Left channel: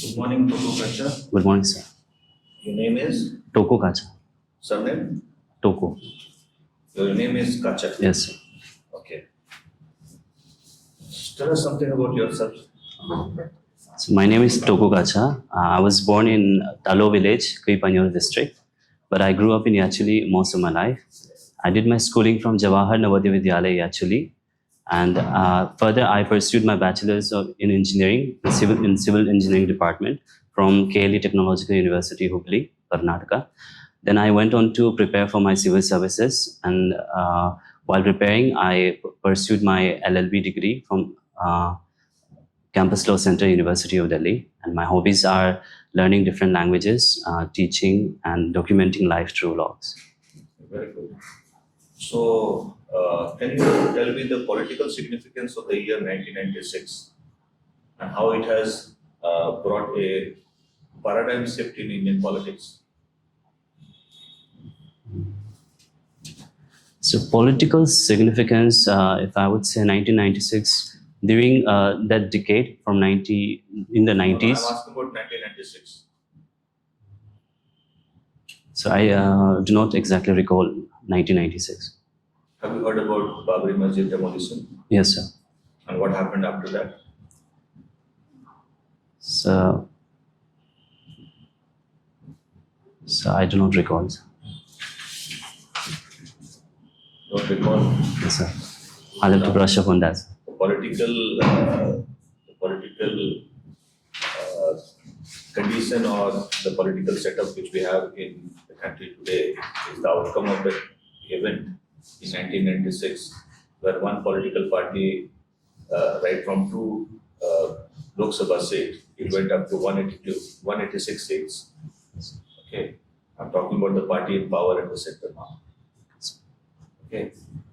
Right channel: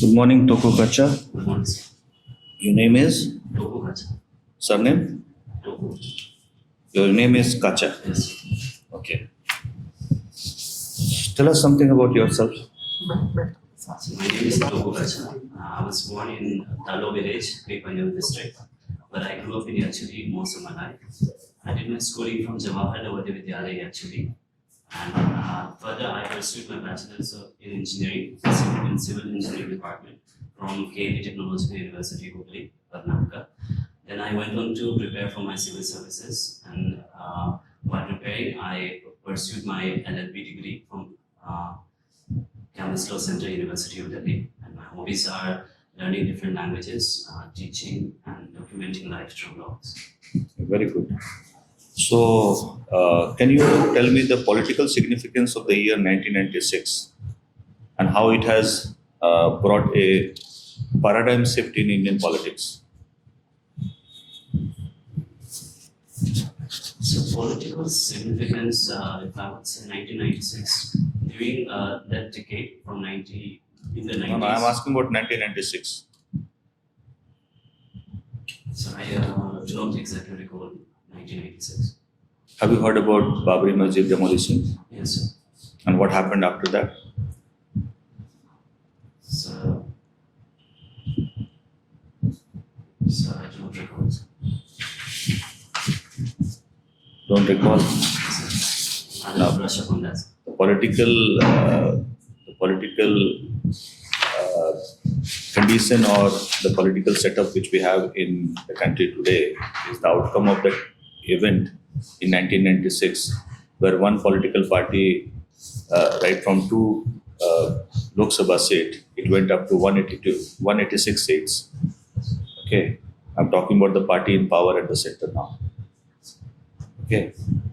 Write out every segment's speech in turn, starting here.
Good morning, Toko Kacha. Good morning, sir. Your name is? Toko Kacha. Surname? Toko. Your name is Kacha. Yes, sir. Okay. Tell us something about yourself. So my name is Toko Kacha. I was born in Talo village, Kuipanyor district, but I grew up in Yachuli most of my life. I did my schooling from Jawahar Navodaya Vidyalaya Yachuli, and further I pursued my bachelor's in engineering, in civil engineering department from KLE Technological University, Hubli, Karnataka. Then I went on to prepare for my civil services, and while preparing, I pursued my LLB degree from Campus Law Center, University of Delhi. And my hobbies are learning different languages, teaching, and documenting life through logs. Very good. So, can you tell me the political significance of the year 1996 and how it has brought a paradigm shift in Indian politics? So political significance, if I would say 1996, during that decade from in the 90s. No, I'm asking about 1996. So I do not exactly recall 1996. Have you heard about Babri Masjid demolition? Yes, sir. And what happened after that? So I do not recall, sir. Don't recall? Yes, sir. I'll have to brush up on that. The political condition or the political setup which we have in the country today is the outcome of that event in 1996, where one political party, right from 2 Lok Sabha seats, it went up to 186 seats. Okay, I'm talking about the party in power at the center now. Okay,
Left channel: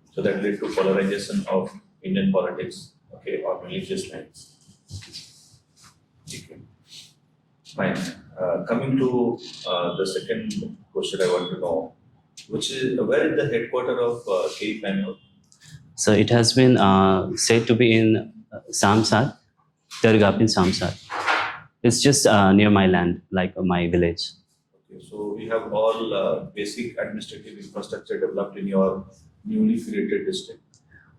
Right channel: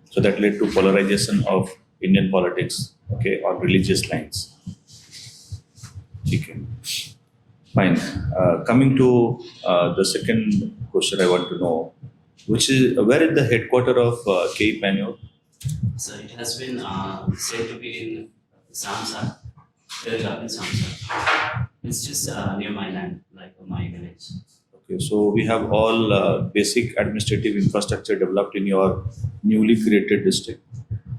so that led to polarization of Indian politics, okay, on religious lines. Okay, fine. Coming to the second question, I want to know, which is where is the headquarters of KE? So it has been said to be in Samsat, Dargap in Samsat. It's just near my land, like my village. Okay, so we have all basic administrative infrastructure developed in your newly created district.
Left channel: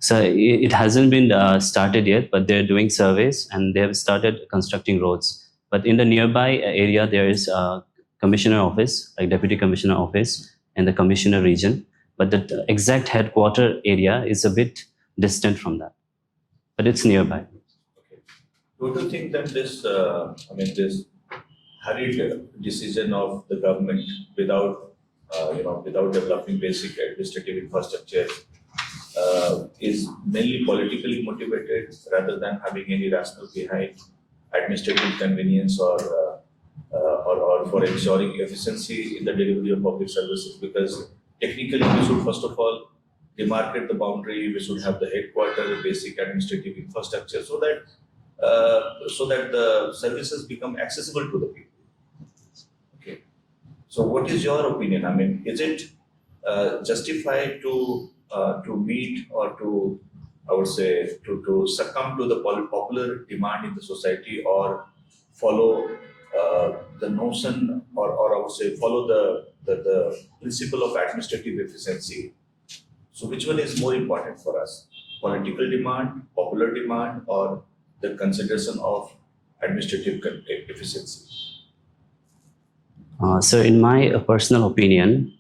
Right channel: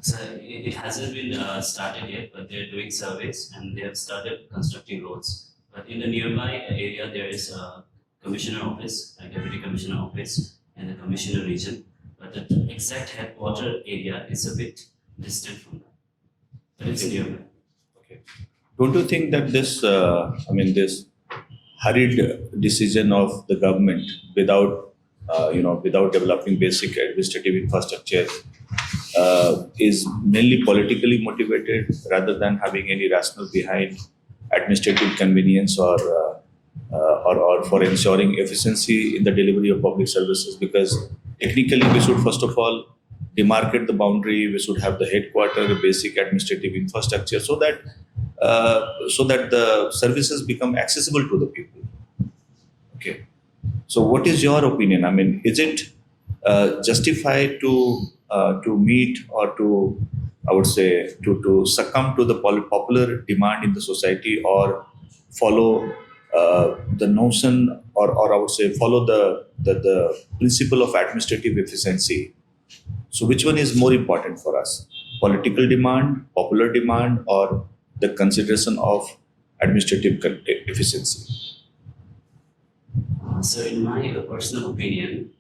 So it hasn't been started yet, but they're doing surveys and they have started constructing roads. But in the nearby area, there is a commissioner office, like deputy commissioner office, in the commissioner region. But the exact headquarter area is a bit distant from that, but it's nearby. Okay. Don't you think that this hurried decision of the government without developing basic administrative infrastructure is mainly politically motivated rather than having any rationale behind administrative convenience or for ensuring efficiency in the delivery of public services? Because technically we should first of all demarcate the boundary, we should have the headquarters, basic administrative infrastructure so that the services become accessible to the people. Okay. So what is your opinion? I mean, is it justified to meet or to, I would say, to succumb to the popular demand in the society, or follow the notion, or I would say follow the principle of administrative efficiency? So which one is more important for us? Political demand, popular demand, or the consideration of administrative efficiency? So in my personal opinion,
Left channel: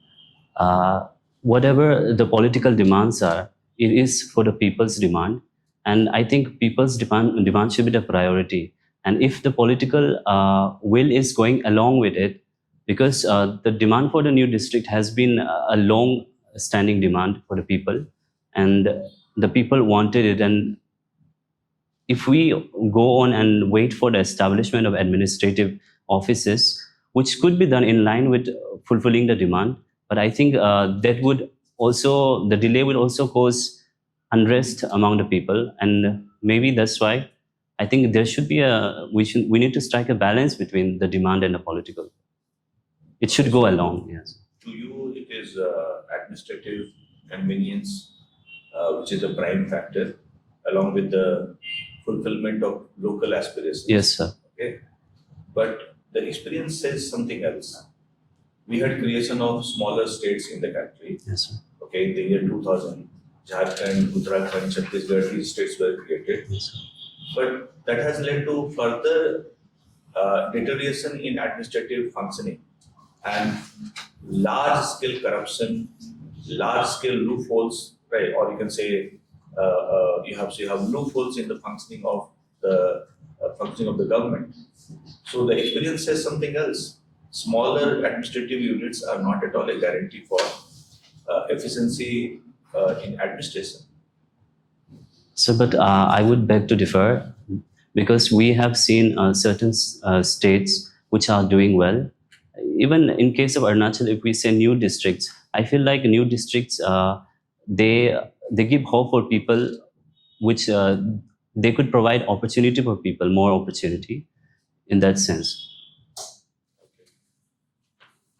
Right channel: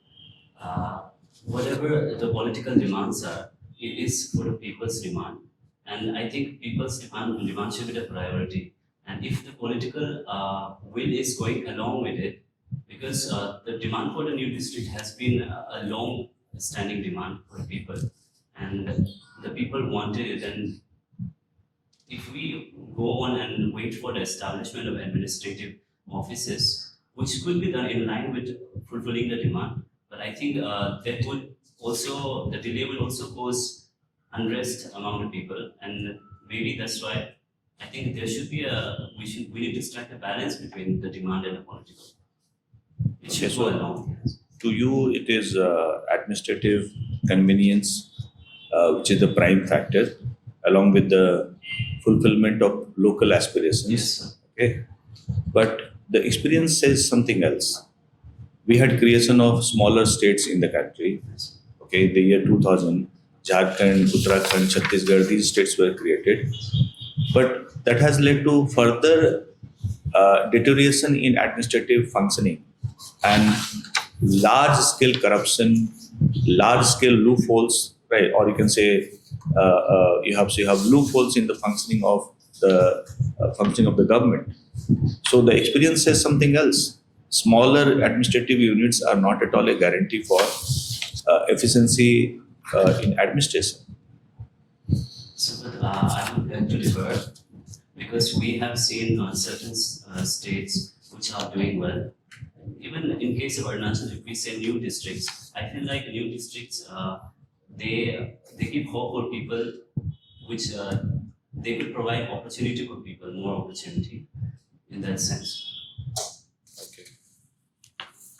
whatever the political demands are, it is for the people's demand. And I think people's demand should be the priority. And if the political will is going along with it, because the demand for the new district has been a long-standing demand for the people, and the people wanted it. And if we go on and wait for the establishment of administrative offices, which could be done in line with fulfilling the demand, but I think that would also, the delay will also cause unrest among the people, and maybe that's why I think there should be we need to strike a balance between the demand and the political. It should go along. Yes. To you, it is administrative convenience, which is the prime factor, along with the fulfillment of local aspirations. Yes, sir. Okay, but the experience says something else. We had creation of smaller states in the country. Yes, sir. Okay, in the year 2000, Jharkhand, Uttarakhand, Chhattisgarh, these states were created. But that has led to further deterioration in administrative functioning and large-scale corruption, large-scale loopholes, right? Or you can say you have loopholes in the functioning of the government. So the experience says something else. Smaller administrative units are not at all a guarantee for efficiency in administration. So, but I would beg to differ because we have seen certain states which are doing well. Even in case of Arunachal, if we say new districts, I feel like new districts they give hope for people, which they could provide opportunity for people, more opportunity in that sense. Okay.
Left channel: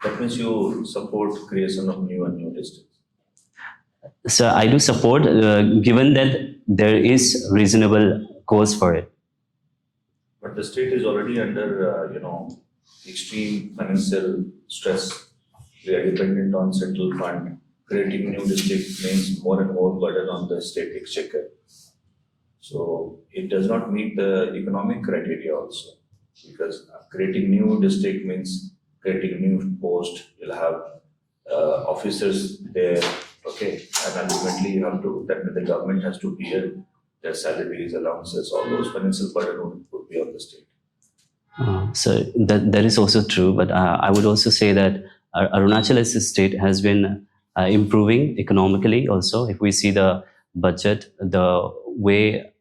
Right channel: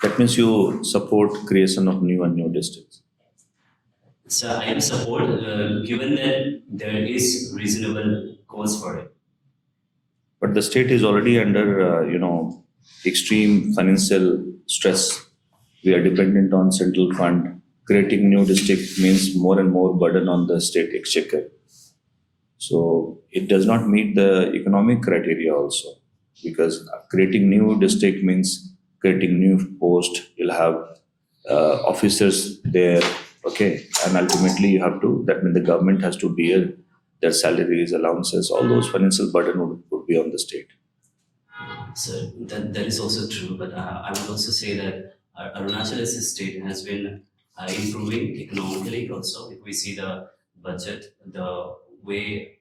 That means you support creation of new districts. So I do support, given that there is reasonable cause for it. But the state is already under, extreme financial stress. We are dependent on central fund. Creating new district means more and more burden on the state exchequer. So it does not meet the economic criteria also, because creating new district means creating new post. You'll have officers there, okay, and ultimately you have to. That means the government has to bear their salaries, allowances, all those financial burden would be on the state. So that is also true, but I would also say that Arunachal as a state has been improving economically also. If we see the budget, the way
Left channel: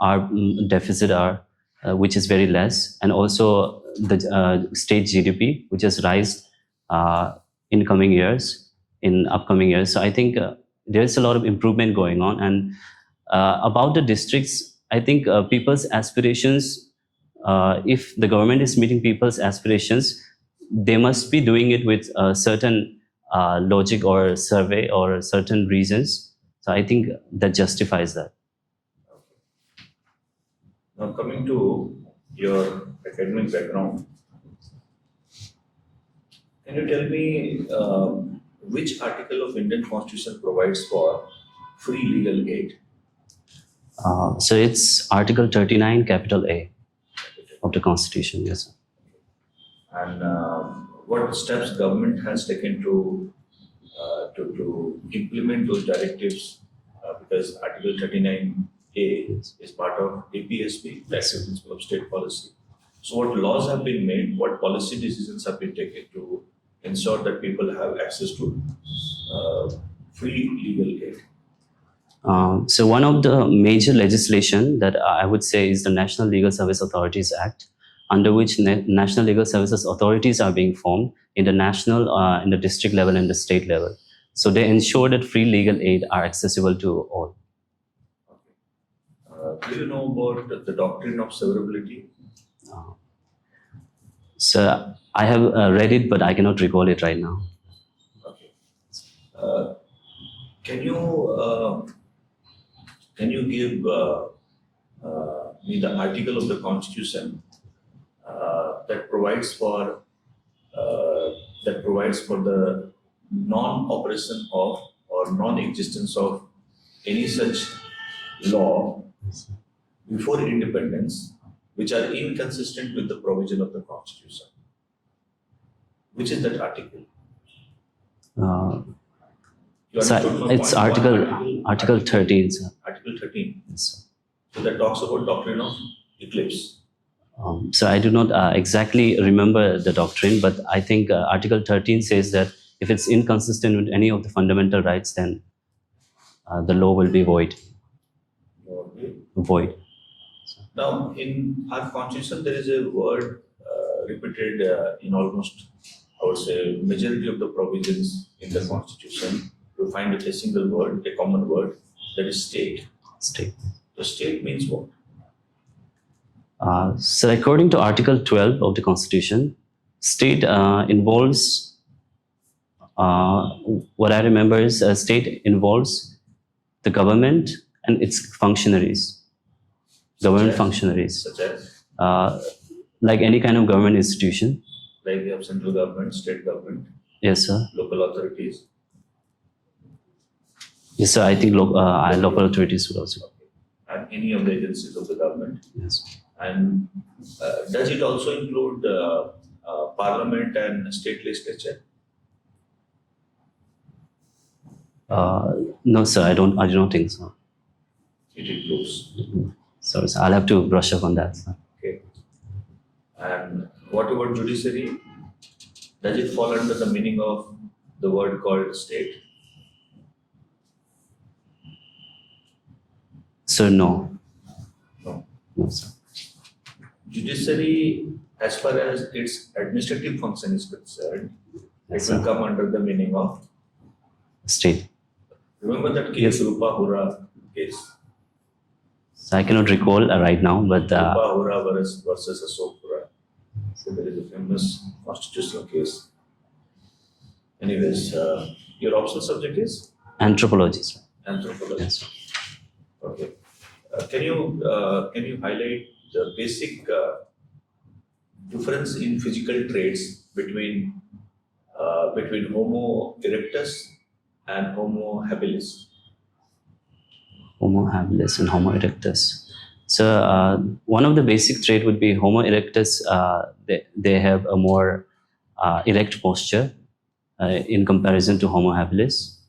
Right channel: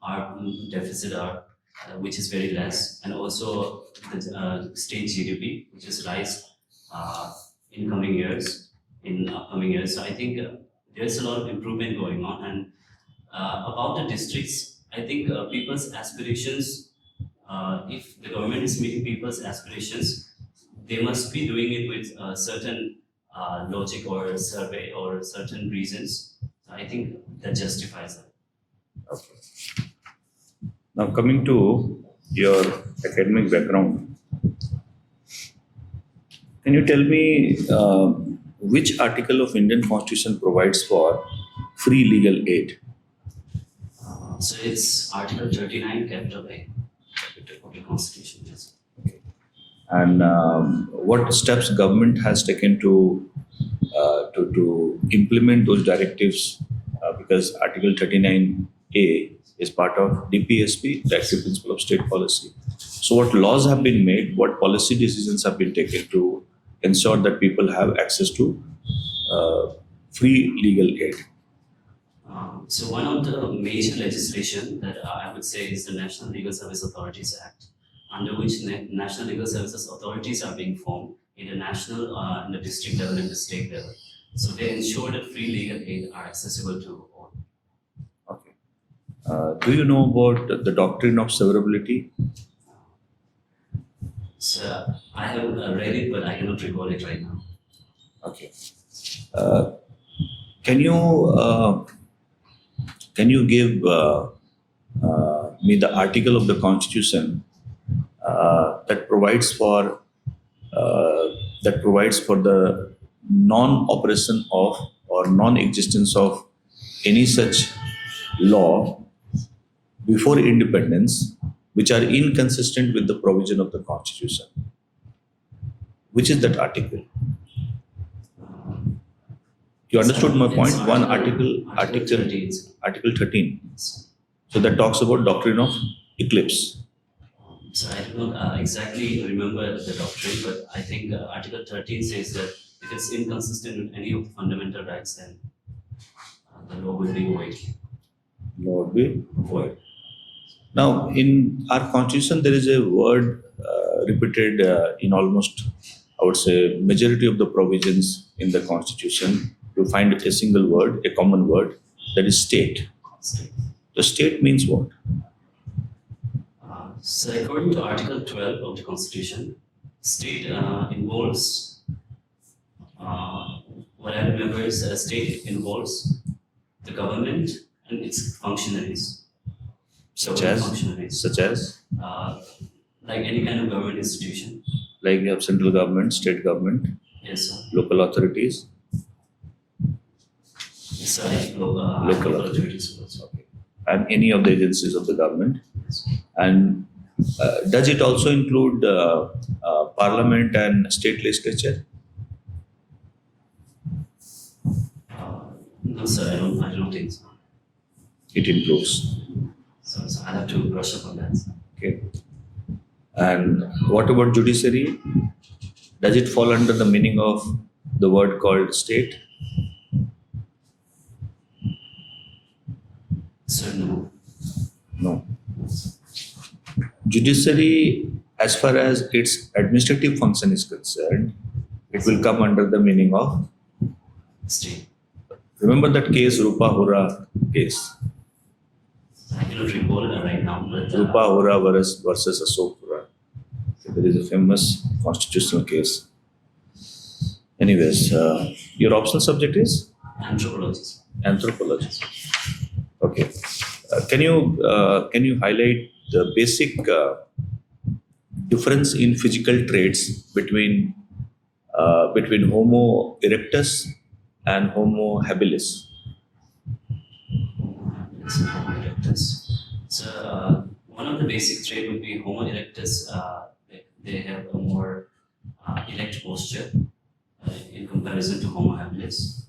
our deficit are, which is very less, and also the state GDP, which has rise in upcoming years. So I think there's a lot of improvement going on. And about the districts, I think people's aspirations, if the government is meeting people's aspirations, they must be doing it with certain logic or survey or certain reasons. So I think that justifies that. Okay. Now coming to your academic background, can you tell me which article of Indian Constitution provides for free legal aid? So it's Article 39, capital A of the Constitution, yes. And what steps government has taken to implement those directives? Because Article 39A is part of DPSP, Directive Principle of State Policy. So what laws have been made, what policy decisions have been taken to ensure that people have access to free legal aid? So one of the major legislation that I would say is the National Legal Service Authorities Act, under which National Legal Services Authorities are being formed in the national, in the district level and the state level. So they ensure that free legal aid are accessible to all. Okay. Do you know about the doctrine of severability? So I have read it, but I cannot recall it right now. Okay. Can you give me the article of the Constitution that provides for the non-operation of or non-existence of any such law before independence, which are inconsistent with the provision of the Constitution? Which is that article? You understood my point? It's Article 13. Sir. Article 13. So that talks about doctrine of eclipse. So I do not exactly remember the doctrine, but I think Article 13 says that if it's inconsistent with any of the fundamental rights, then the law will be void. Law will be void. Now, in our Constitution, there is a word repeated in almost, I would say, majority of the provisions in the Constitution. You find a single word, a common word, that is state. State. The state means what? So according to Article 12 of the Constitution, state involves, what I remember is state involves the government and its functionaries. government as? functionaries, Such as? like any kind of government institution. Like you have central government, state government, Yes, sir. local authorities. Yes, sir. I think and local authorities would also. Okay. And any of the agencies of the government. Yes. And does it also include parliament and state legislature? No, sir. I do not think so. It includes. Sorry, sir. I'll have to brush up on that, sir. Okay. And what about judiciary? Does it fall under the meaning of the word called state? Sir, no. No. No, sir. Judiciary, as far as its administrative function is concerned, Yes, it will sir. come under the meaning of. State. Remember that case, Rupa Hora case? So I cannot recall right now, but Rupa Hora versus Ashok Hora. So there is a famous constitutional case. Anyways, your optional subject is anthropology, sir. anthropology. Yes. Okay. Can you highlight the basic difference in physical traits between Homo erectus and Homo habilis? Homo habilis and Homo erectus. So one of the basic trait would be Homo erectus. They have a more erect posture in comparison to Homo habilis,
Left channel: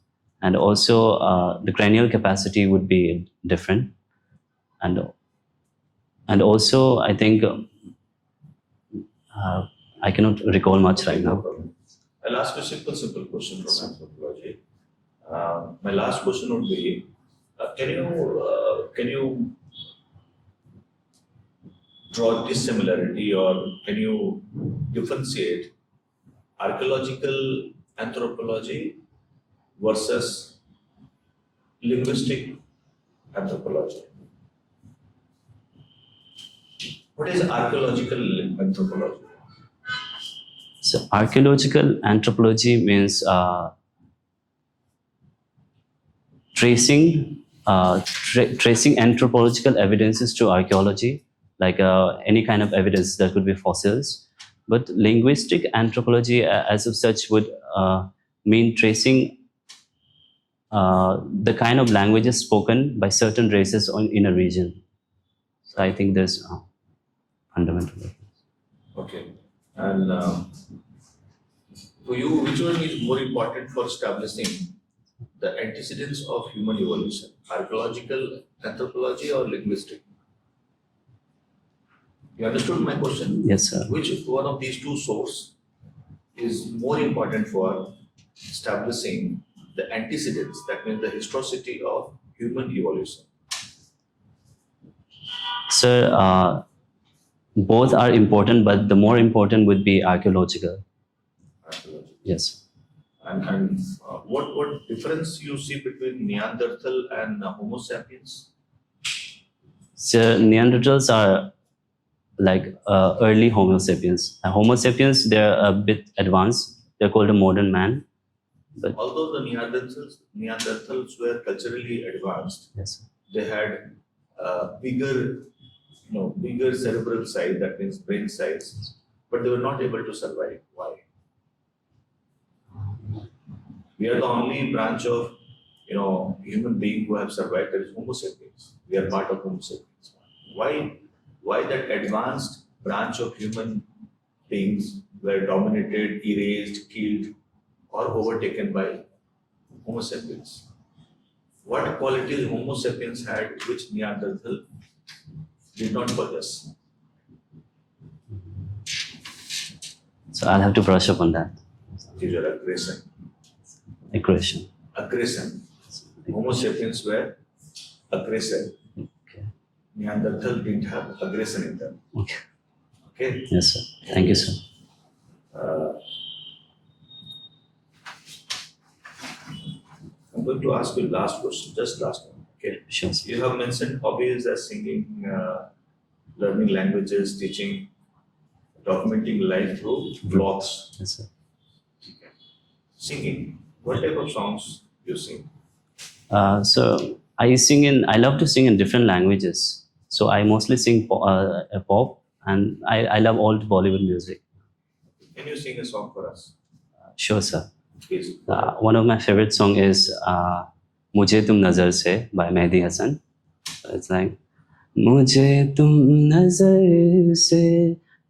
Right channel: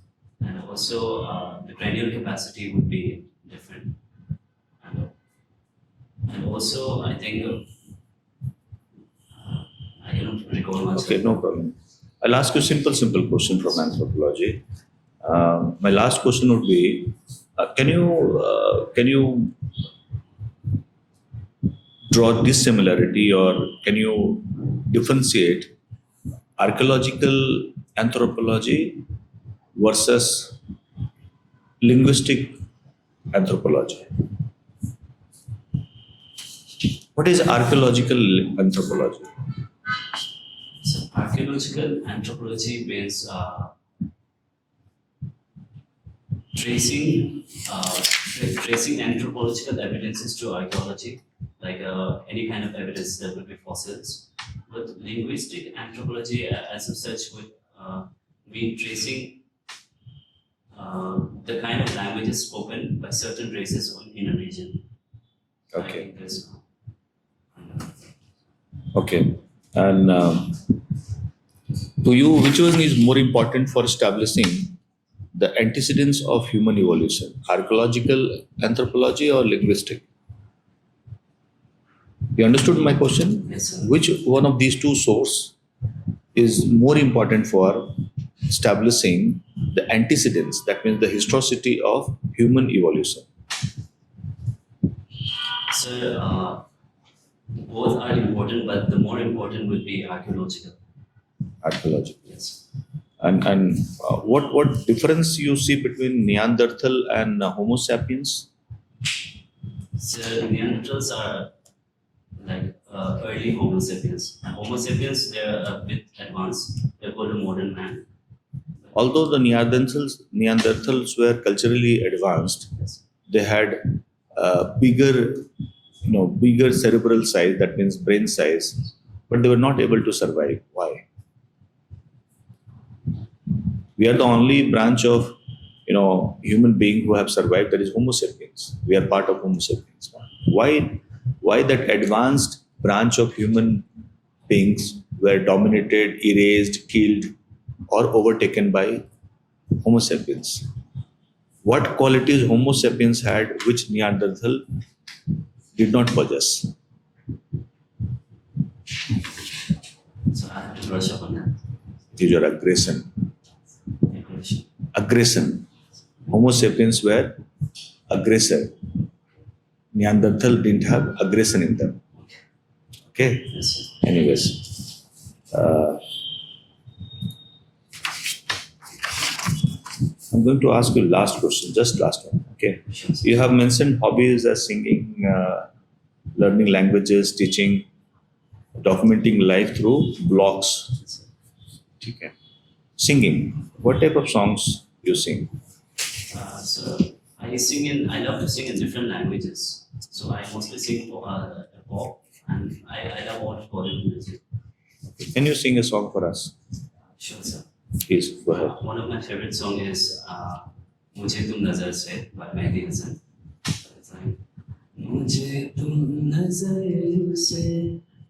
and also the cranial capacity would be different, and also I think I cannot recall much Okay, right no now. problem. I'll ask you a simple question from anthropology. My last question would be, can you draw this similarity, or can you differentiate archaeological anthropology versus linguistic anthropology? What is archaeological anthropology? So archaeological anthropology means tracing anthropological evidences to archaeology, like any kind of evidence that could be fossils. But linguistic anthropology, as of such, would mean tracing the kind of languages spoken by certain races in a region. So I Okay. think there's fundamental. Okay. And to you, which one is more important for establishing the antecedents of human evolution? Archaeological anthropology or linguistic? You understood my question? Yes, sir. Which one of these two sources is more important for establishing the antecedents, that means the historicity of human evolution? Sir, both are important, but the more important would be archaeological. Archaeology. Yes. And what difference you see between Neanderthal and Homo sapiens? So Neanderthals are like early Homo sapiens. Homo sapiens, they're a bit advanced. They're called a modern man. But Although the Neanderthals were culturally advanced, yes, they had bigger cerebral size, that means brain size, but they were not able to survive. Why? We are the only branch of human being who have survived. That is Homo sapiens. We are part of Homo sapiens. Why that advanced branch of human beings were dominated, erased, killed, or overtaken by Homo sapiens? What qualities Homo sapiens had which Neanderthal did not possess? so I'll have to brush up on that. Is your aggression. Aggression. Homo sapiens were aggressor. Okay. Neanderthal didn't have aggression in them. Okay. Okay. Yes, sir. Thank you, sir. I'm going to ask you last question, just last one. Okay. Sure, sir. You have mentioned hobbies as singing, learning languages, teaching, documenting life through blogs. Yes, sir. Okay. Singing. What type of songs you sing? So I love to sing in different languages. So I mostly sing pop, and I love all Bollywood music. Can you sing a song for us? Sure, sir. Please. Go ahead. One of my favorite song is "Mujhe Tum Nazar Se" by Mehdi Hasan. So it's like मुझे तुम नजर से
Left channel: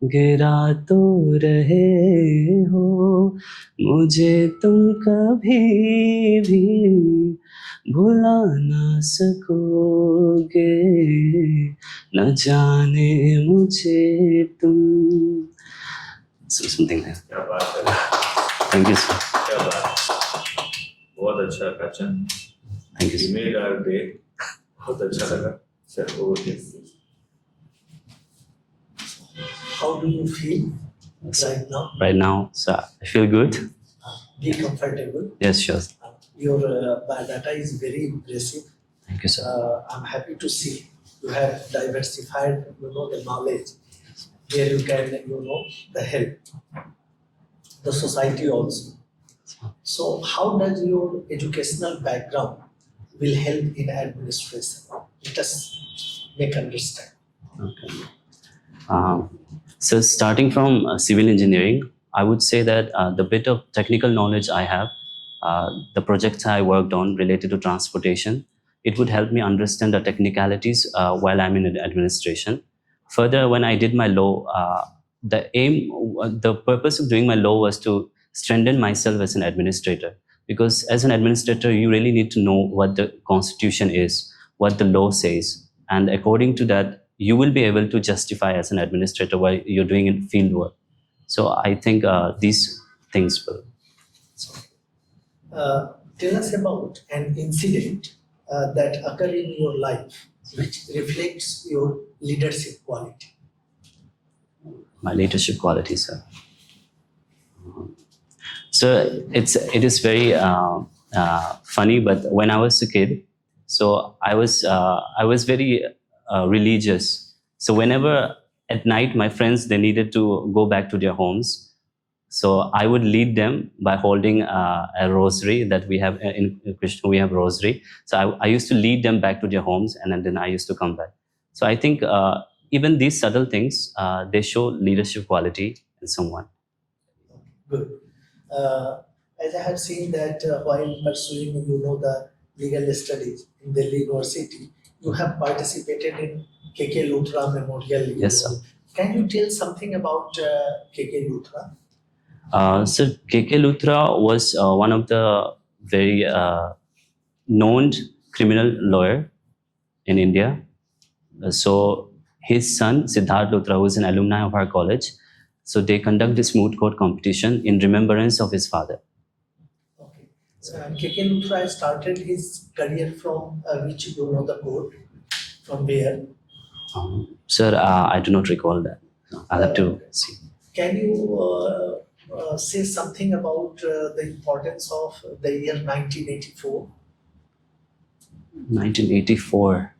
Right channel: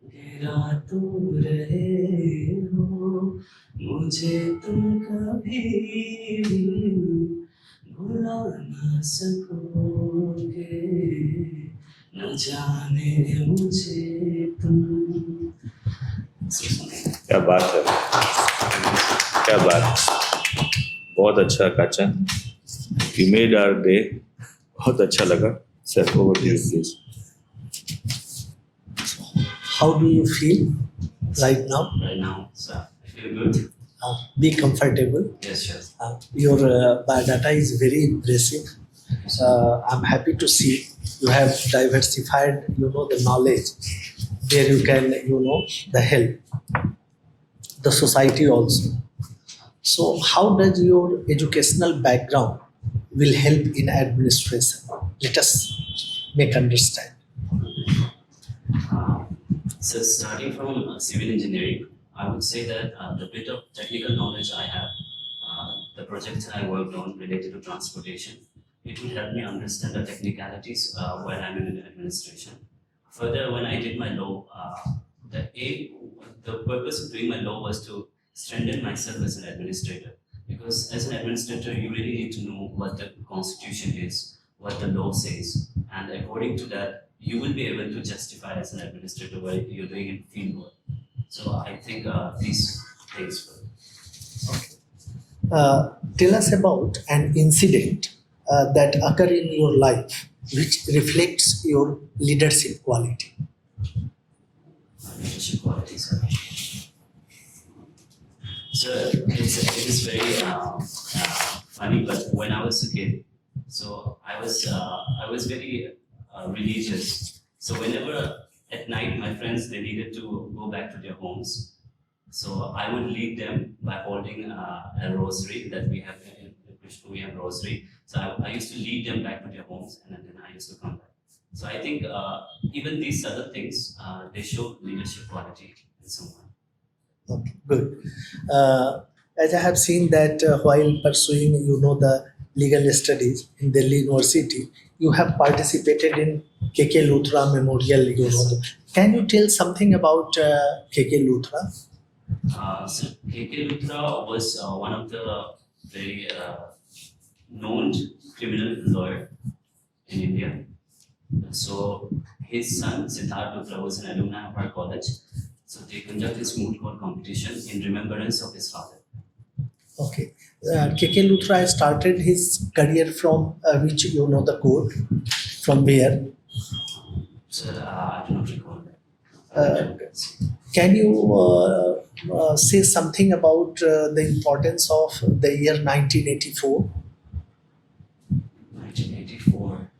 गिरा तो रहे हो मुझे तुम कभी भी भुला ना सकोगे न जाने मुझे तुम something there. क्या बात है, Thank you, sir. क्या बात, बहुत अच्छा काचा, Thank you you. made our day, बहुत अच्छा लगा. Sir, over to you, please. How do you feel right now? Right now, sir, I feel good. Be comfortable. Yes, sure. Your biodata is very impressive. Thank you, sir. I'm happy to see you have diversified, the knowledge. There you can, the help, the society also. So how does your educational background will help in administration? Let us make understand. So starting from civil engineering, I would say that the bit of technical knowledge I have, the projects I worked on related to transportation, it would help me understand the technicalities while I'm in administration. Further, when I did my law, the purpose of doing my law was to strengthen myself as an administrator. Because as an administrator, you really need to know what the constitution is, what the law says, and according to that, you will be able to justify as an administrator while you're doing in field work. So I think these things will. Tell us about an incident that occurred in your life which reflects your leadership quality. My leadership qualities, sir. So it is very funny, but when I was a kid, so I was very religious. So whenever at night my friends they needed to go back to their homes, so I would lead them by holding a rosary that we have in Krishna. We have rosary. So I used to lead them back to their homes, and then I used to come back. So I think even these subtle things they show leadership quality in someone. Okay, good. As I have seen that while pursuing, the legal studies in Delhi University, you have participated in KK Luthra Memorial. Yes, sir. Can you tell something about KK Luthra? So KK Luthra was one of the very known criminal lawyer in India. So his son Siddharth Luthra, who is an alumni of our college, so they conduct this moot court competition in remembrance of his father. Okay. KK Luthra started his career from which the court, from where? Sir, I do not recall that. I'll have to see. Can you say something about the importance of the year 1984? 1984.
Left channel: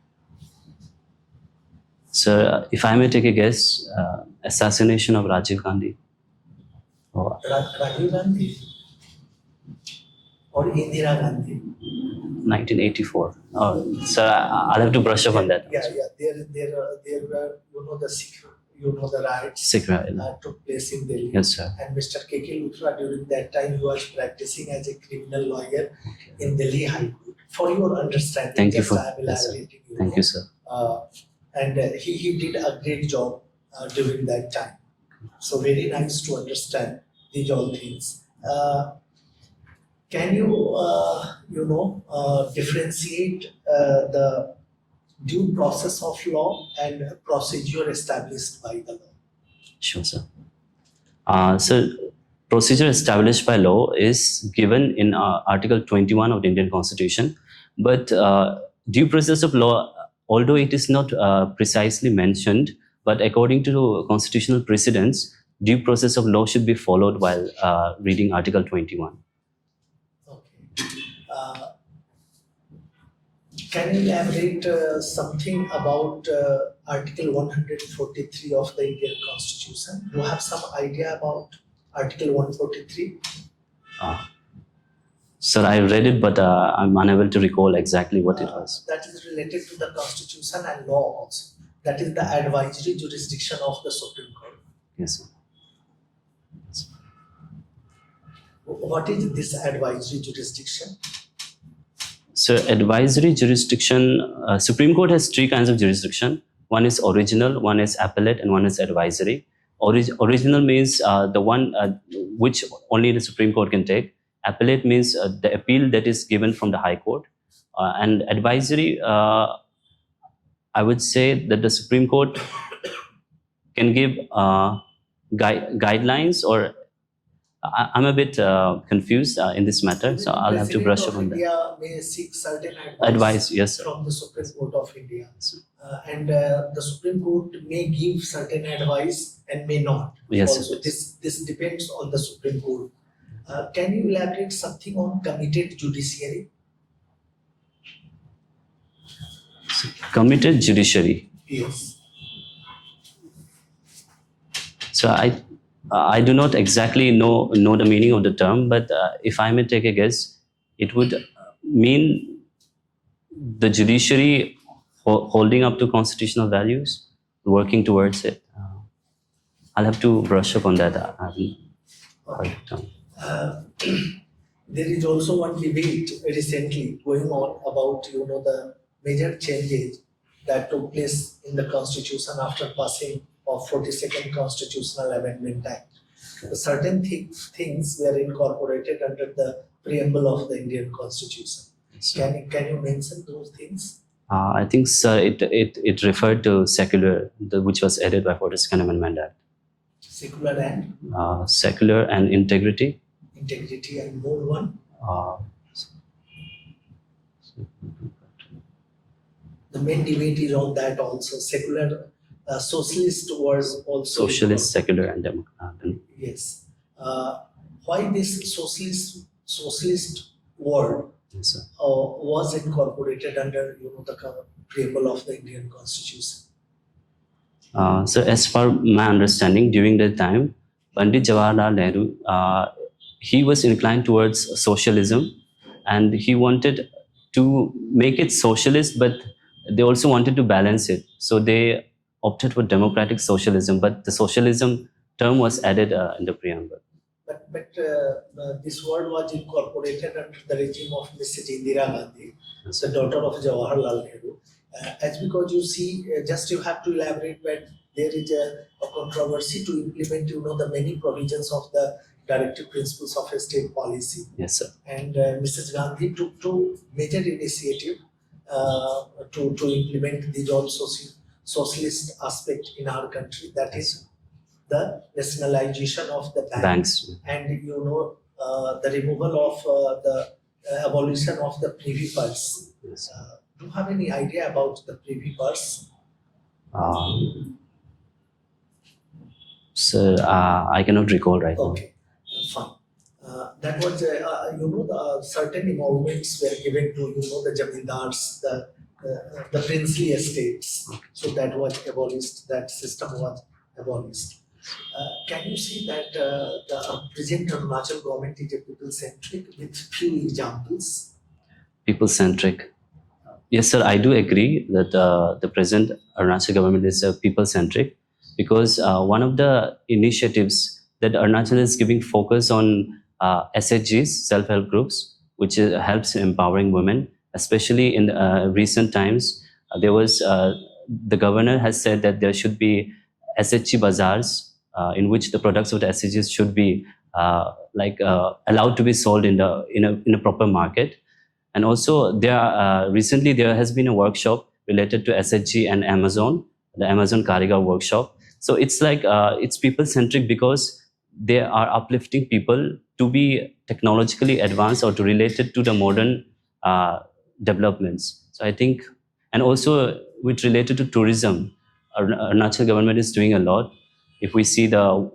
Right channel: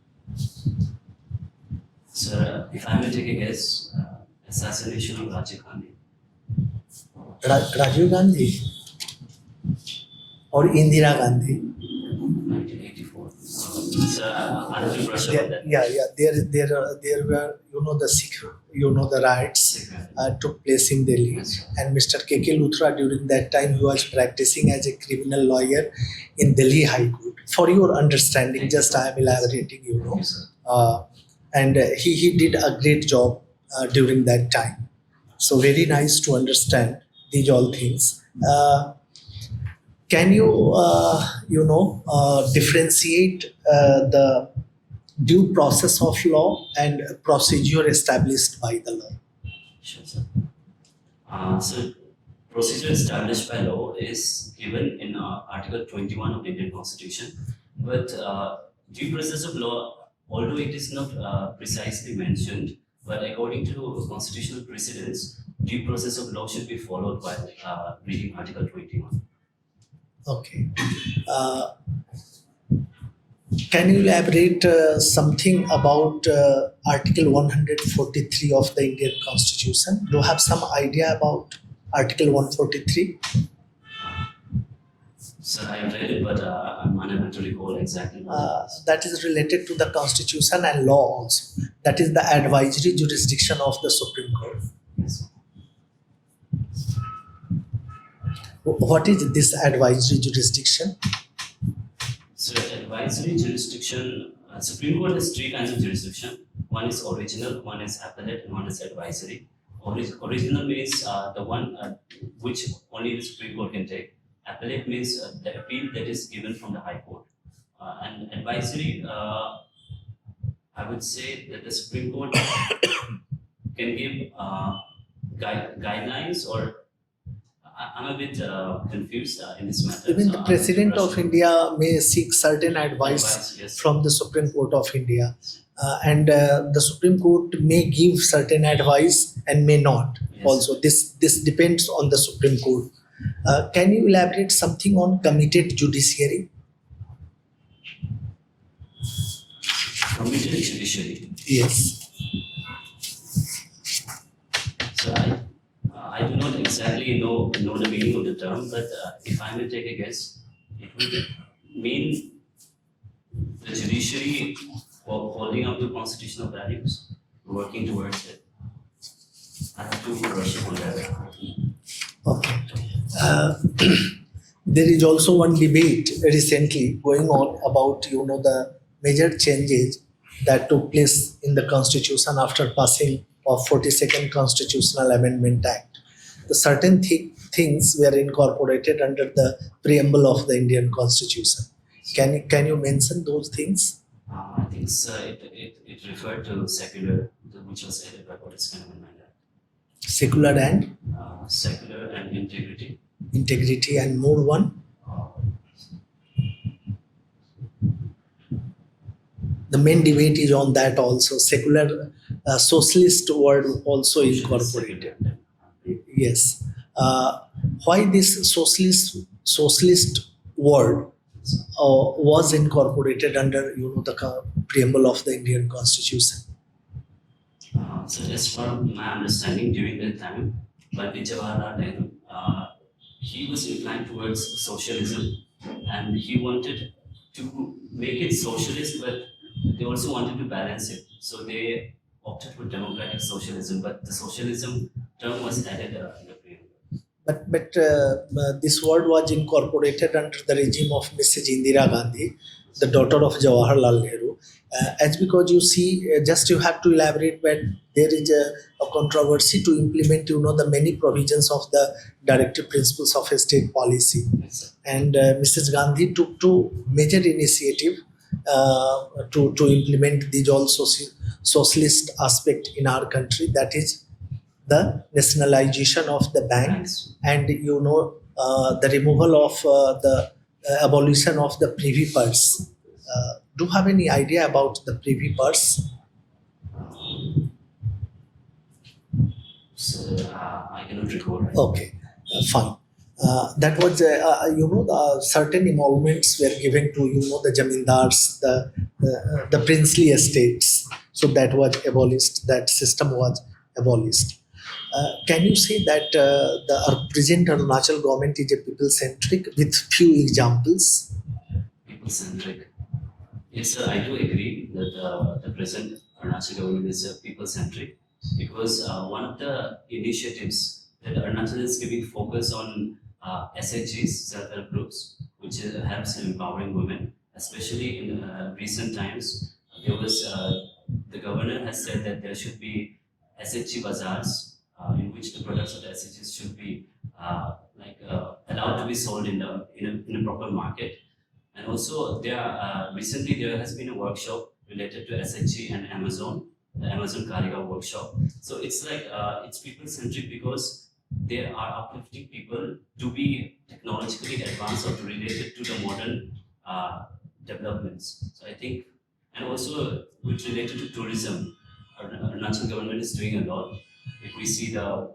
Sir, if I may take a guess, assassination of Rajiv Gandhi. Oh, Rajiv Gandhi or Indira Gandhi? 1984. Oh, sir, I'll have to brush up on that. Yeah. There were the Sikh, the riots Sikh riots. took place in Delhi. Yes, sir. And Mr. KK Luthra during that time he was practicing as a criminal lawyer in Delhi High Court. For your understanding, Thank you just for- I am elaborating. Thank you, sir. And he did a great job during that time. So very nice to understand these all things. Can you differentiate the due process of law and procedure established by the law? Sure, sir. So, procedure established by law is given in Article 21 of the Indian Constitution, but due process of law, although it is not precisely mentioned, but according to constitutional precedents, due process of law should be followed while reading Article 21. Okay. Can you elaborate something about Article 143 of the Indian Constitution? Do you have some idea about Article 143? Sir, I read it, but I'm unable to recall exactly what it was. That is related to the constitution and law also. That is the advisory jurisdiction of the Supreme Court. Yes, sir. What is this advisory jurisdiction? So advisory jurisdiction, Supreme Court has three kinds of jurisdiction. One is original, one is appellate, and one is advisory. Original means the one which only the Supreme Court can take. Appellate means the appeal that is given from the High Court. And advisory, I would say that the Supreme Court can give guidelines, or I'm a bit confused in this matter, Even so the I'll have to President brush up of on that. India may seek certain Advice, yes. from the Supreme Court of India, and the Supreme Court may give certain advice and may not. Yes. Also, this depends on the Supreme Court. Can you elaborate something on committed judiciary? Committed judiciary. Yes. So I do not exactly know the meaning of the term, but if I may take a guess, it would mean the judiciary holding up to constitutional values, working towards it. I'll have to brush up on that. There is also one debate recently going on about the major changes that took place in the constitution after passing of 42nd Constitutional Amendment Act. The certain things were incorporated under the preamble of the Indian Constitution. Can you mention those things? I think, sir, it referred to secular, which was added by 42nd Amendment Act. Secular and Secular and integrity. integrity, and more one. The main debate is on that also. Secular, socialist word also Socialist, incorporated. secular, and democratic. Yes. Why this socialist word Yes, sir. was incorporated under the preamble of the Indian Constitution? So as per my understanding, during that time, Pandit Jawaharlal Nehru, he was inclined towards socialism, and he wanted to make it socialist, but they also wanted to balance it. So they opted for democratic socialism, but the socialism term was added in the preamble. But this word was incorporated under the regime of Mrs. Indira Gandhi, the daughter of Jawaharlal Nehru. As because you see, just you have to elaborate when there is a controversy to implement, the many provisions of the directive principles of a state policy. Yes, sir. And Mrs. Gandhi took two major initiative to implement these all socialist aspect in our country. That is the nationalization of the Banks. and the removal of the abolition of the privy purse. Yes. Do you have any idea about the privy purse? So I cannot recall right now. Okay, fine. That was certain emoluments were given to the jamindars, the princely estates. So that was abolished. That system was abolished. Can you say that the present Arunachal government is a people-centric with few examples? People-centric. Yes, sir, I do agree that the present Arunachal government is people-centric, because one of the initiatives that Arunachal is giving focus on SHGs, self-help groups, which helps in empowering women, especially in recent times. There was, the governor has said that there should be SHG bazaars in which the products of the SHGs should be allowed to be sold in a proper market. And also, recently there has been a workshop related to SHG and Amazon, the Amazon Karigar workshop. So it's it's people-centric because they are uplifting people to be technologically advanced or to relate it to the modern developments. So I think, and also with related to tourism, Arunachal government is doing a lot. If we see the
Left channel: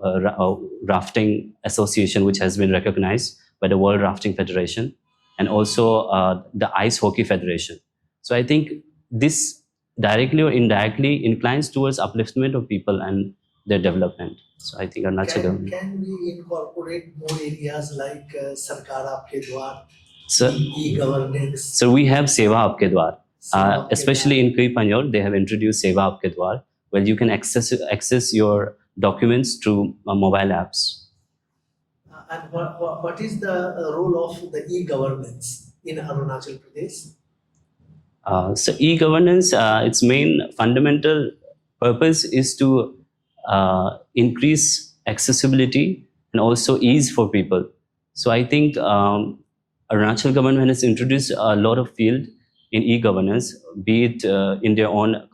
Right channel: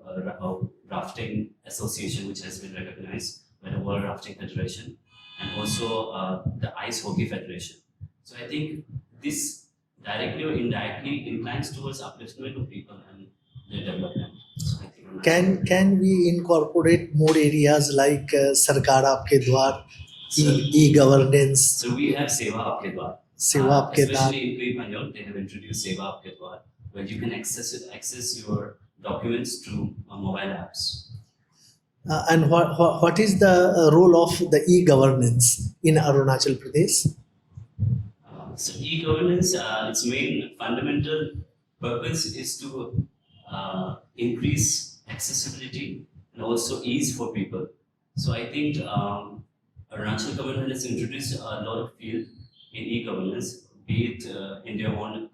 rafting association, which has been recognized by the World Rafting Federation, and also the Ice Hockey Federation. So I think this directly or indirectly inclines towards upliftment of people and their development. So I think Can we incorporate more areas like Sarkar Aapke Dwar So, e-governance. so we have Seva Aapke Dwar. Seva Aapke Especially Dwar. in Kripanjor, they have introduced Seva Aapke Dwar, where you can access your documents through mobile apps. And what is the role of the e-governance in Arunachal Pradesh? So e-governance, its main fundamental purpose is to increase accessibility and also ease for people. So I think Arunachal government has introduced a lot of field in e-governance, be it in their own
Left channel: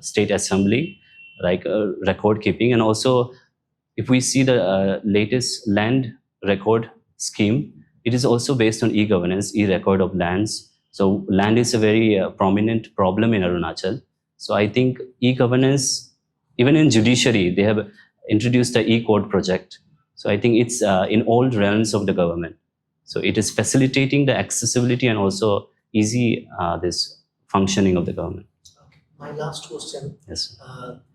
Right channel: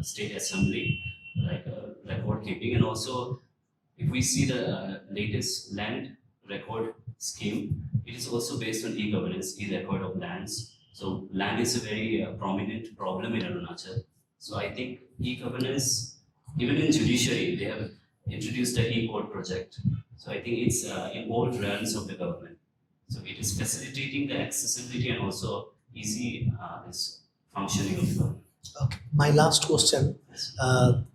state assembly, like record keeping, and also if we see the latest land record scheme, it is also based on e-governance, e-record of lands. So land is a very prominent problem in Arunachal. So I think e-governance, even in judiciary, they have introduced the e-court project. So I think it's in all realms of the government. So it is facilitating the accessibility and also easy this functioning of the government. Okay. My last question. Yes.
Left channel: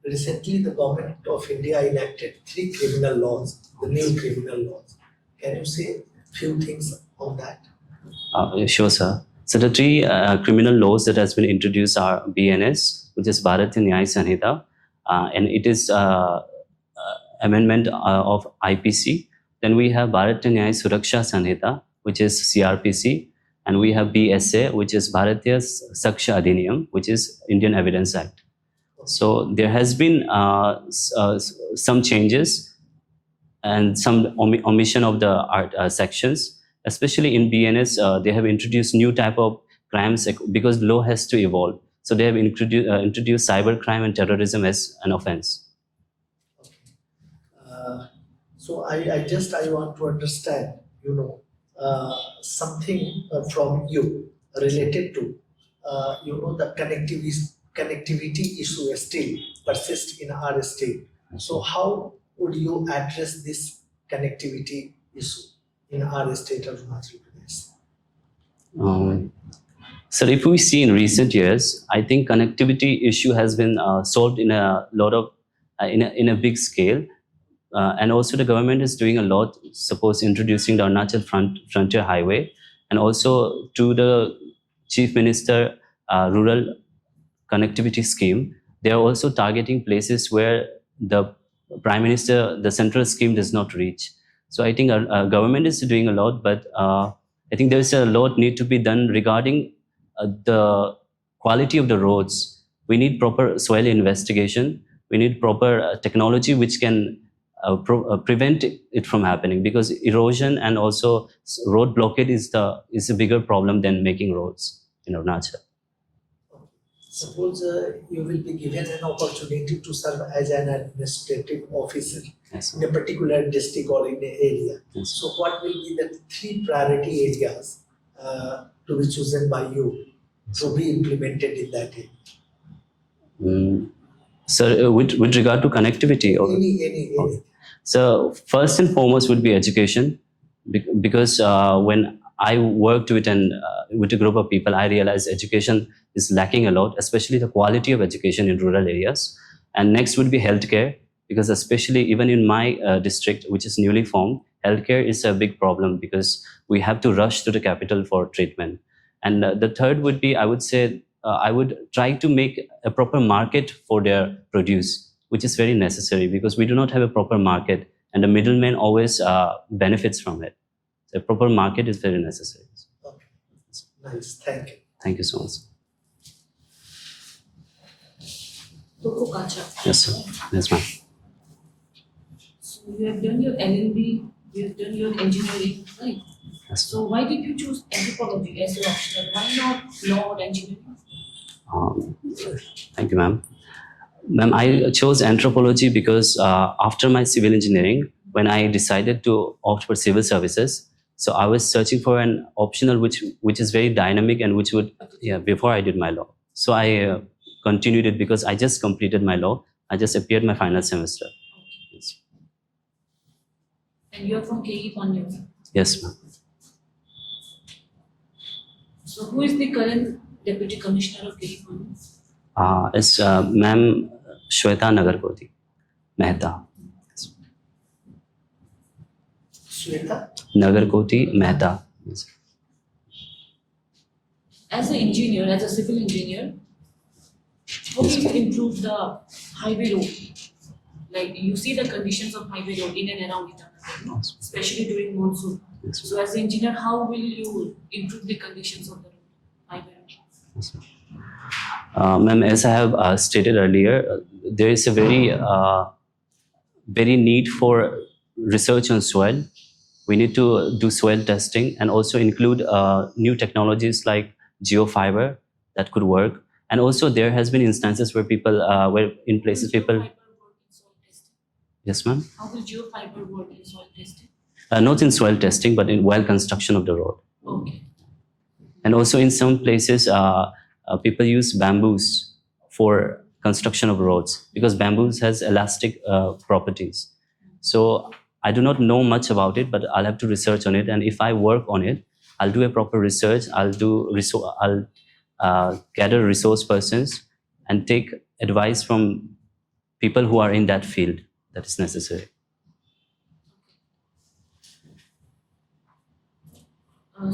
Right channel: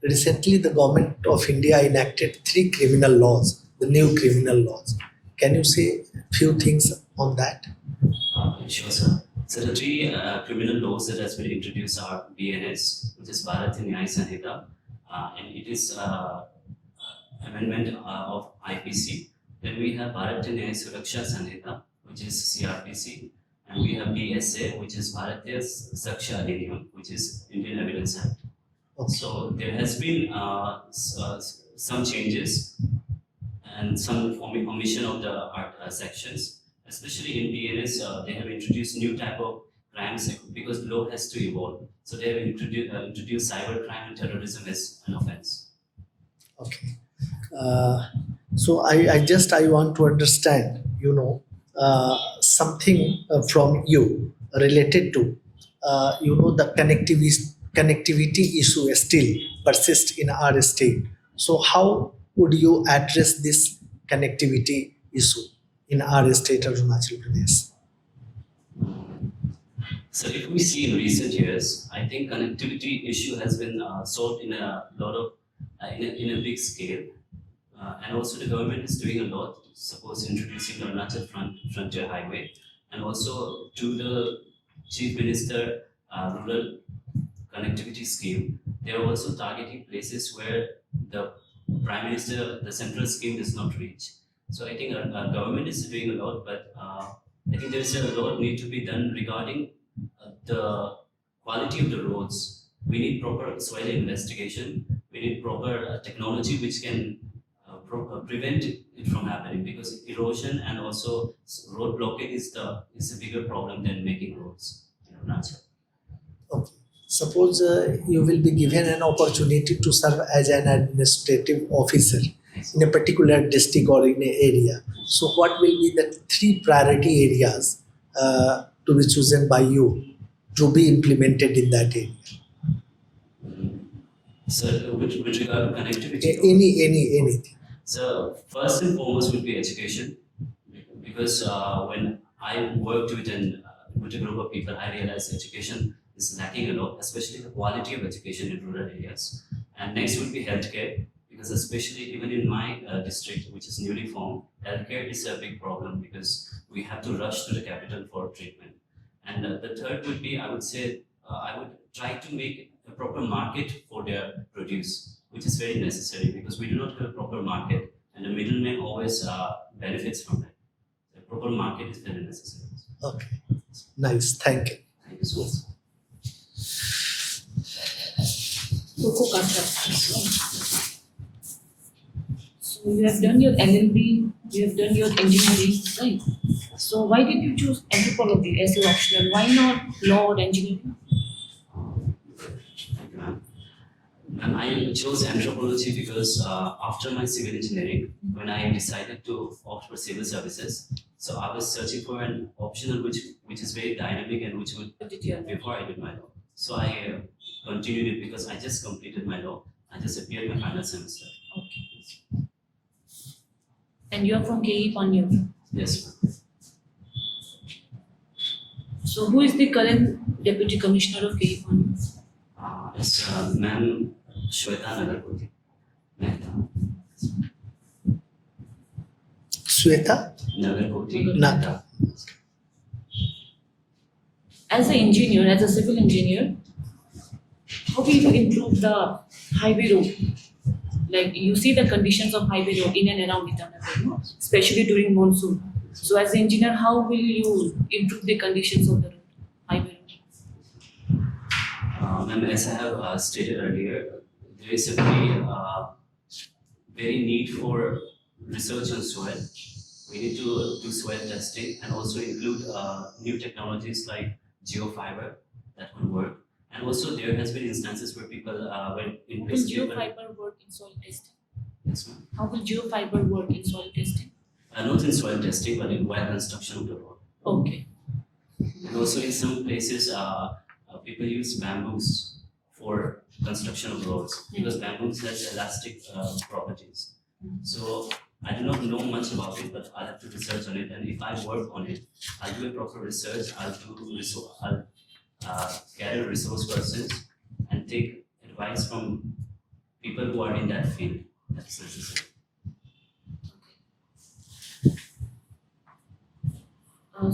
Recently, the government of India enacted 3 criminal laws, the new criminal laws. Can you say a few things on that? Sure, sir. So the 3 criminal laws that has been introduced are BNS, which is Bharatiya Nyaya Sanhita, and it is amendment of IPC. Then we have Bharatiya Nyaya Suraksha Sanhita, which is CRPC, and we have BSA, which is Bharatiya Saksha Adhiniyam, which is Indian Evidence Act. Okay. So there has been some changes and some omission of the sections, especially in BNS. They have introduced new type of crimes because law has to evolve. So they have introduced cyber crime and terrorism as an offense. Okay. So I want to understand, something from you related to, the connectivity issue still persists in our state. So how would you address this connectivity issue in our state of Arunachal Pradesh? So if we see in recent years, I think connectivity issue has been solved in a lot of, in a big scale. And also the government is doing a lot, suppose introducing the Arunachal Frontier Highway, and also to the Chief Minister Rural Connectivity Scheme, they are also targeting places where the Prime Minister, the central scheme does not reach. So I think our government is doing a lot, but I think there's a lot need to be done regarding the quality of the roads. We need proper soil investigation. We need proper technology which can prevent it from happening, because erosion and also road blockade is a bigger problem than making roads in Arunachal. Okay. Suppose you will be given an opportunity to serve as an administrative officer Yes. in a particular district or in an area. Yes. So what will be the 3 priority areas to be chosen by you to be implemented in that area? So with regard to connectivity, Anything. So first and foremost would be education, because when I worked with a group of people, I realized education is lacking a lot, especially the quality of education in rural areas. And next would be healthcare, because especially even in my district, which is newly formed, healthcare is a big problem because we have to rush to the capital for treatment. And the third would be, I would say, I would try to make a proper market for their produce, which is very necessary because we do not have a proper market and the middleman always benefits from it. A proper market is very necessary. Okay. Nice. Thank you. Thank you so much. Toko Kacha. Yes, sir. Yes, ma'am. So you have done your LLB, you have done your engineering, right? Yes. So why did you choose anthropology as your optional? Why not law or engineering? Thank you, ma'am. Ma'am, I chose anthropology because after my civil engineering, when I decided to opt for civil services, so I was searching for an optional which is very dynamic and which would, before I did my law. So I continued it because I just completed my law. I just appeared my final semester. Okay. And you are from KE Panyu. Yes, ma'am. So who is the current Deputy Commissioner of KE Panyu? It's Ma'am Shweta Nagarkoti Mehta. Shweta? Nagarkoti Mehta. as an engineer, as a civil engineer, how will you improve the highway road? Like you see the conditions of highway road in and around Itanagar, no? Especially during monsoon. So as an engineer, how will you improve the conditions of the road, highway road? Ma'am, as I have stated earlier, there is a very need for research on soil. We need to do soil testing and also include new technologies like geofiber that could work. And also there has been instances where people, where in places Will people, geofiber work in soil testing? yes ma'am, How will geofiber work in soil testing? not in soil testing, but in while construction of the road. Okay. And also in some places, people use bamboos for construction of roads because bamboos has elastic properties. So I do not know much about it, but I'll have to research on it. And if I work on it, I'll do a proper research. I'll gather resource persons and take advice from people who are in that field that is necessary.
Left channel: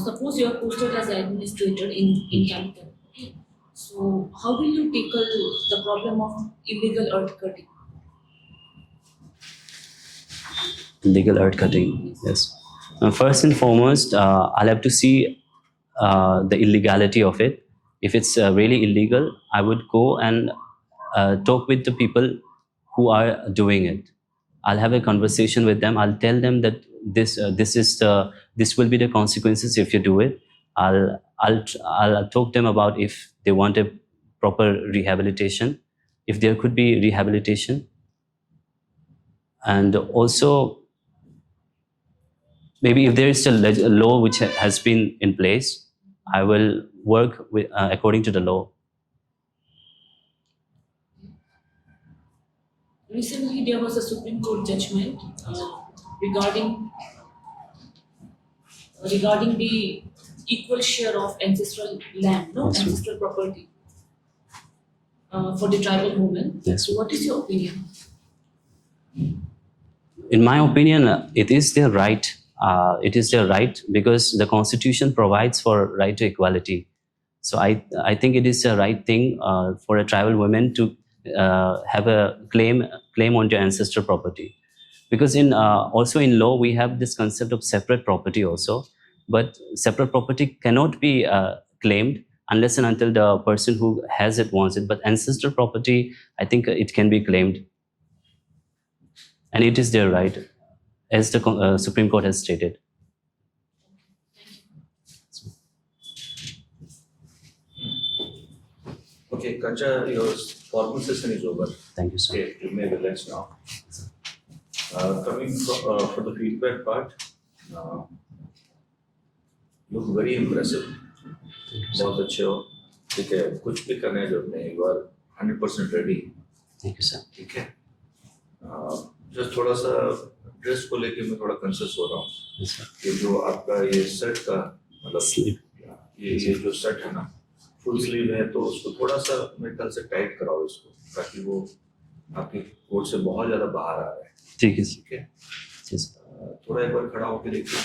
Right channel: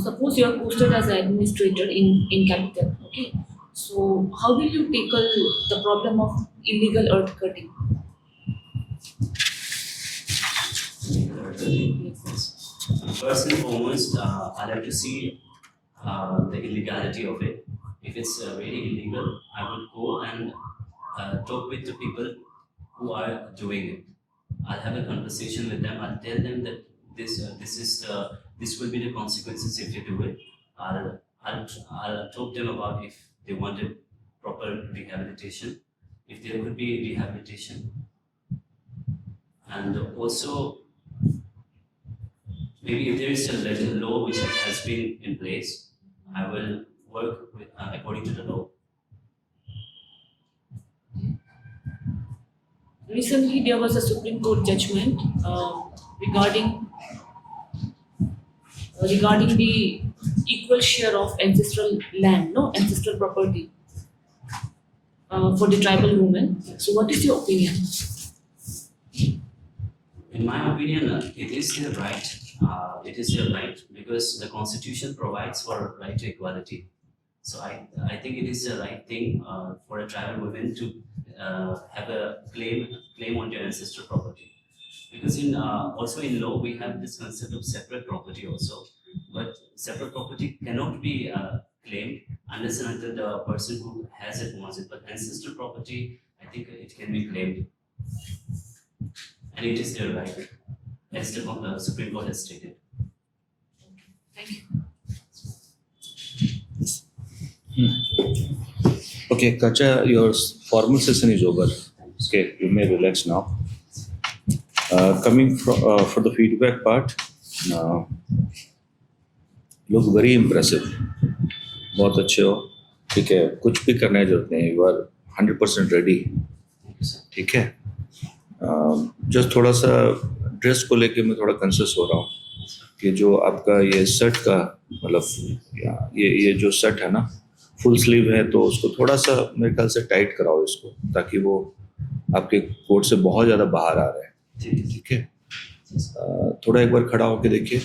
Suppose you are posted as an administrator in capital, okay? So how will you tackle the problem of illegal earth cutting? Illegal earth cutting, yes. First and foremost, I'll have to see the illegality of it. If it's really illegal, I would go and talk with the people who are doing it. I'll have a conversation with them. I'll tell them that this will be the consequences if you do it. I'll talk them about if they want a proper rehabilitation, if there could be rehabilitation, and also maybe if there is a law which has been in place, I will work with according to the law. Recently, there was a Supreme Court judgment regarding the equal share of ancestral land, no, Yes, sir. ancestral property for the tribal women. Yes. So, what is your opinion? In my opinion, it is their right. It is their right because the Constitution provides for right to equality. So I think it is the right thing for a tribal woman to have a claim on their ancestral property. Because in also in law we have this concept of separate property also, but separate property cannot be claimed unless and until the person who has it wants it. But ancestral property, I think it can be claimed, and it is their right, as the Supreme Court has stated. Thank you. Okay, Kacha, your formal session is over. Thank you, sir. Okay, you may relax now. Coming for the feedback part, look very impressive. बहुत अच्छे हो, ठीक है, कुछ भी करने की जरूरत नहीं, you are 100% ready. Thank you, sir. ठीक है. जस्ट थोड़ा सा ड्रेस को लेके मैं थोड़ा कंसियस हो रहा हूँ Yes, sir. कि जो आपका ये शर्ट का मतलब ये जो शर्ट है ना, फुल स्लीव है, तो उसको थोड़ा सा मेरे ख्याल से टाइट कराओ इसको, ताकि वो आपके कोट से बहुत ज़्यादा बाहर आ रहा है. ठीक है, sir. ठीक है. Yes. थोड़ा एक बार खड़ा होके देखिए.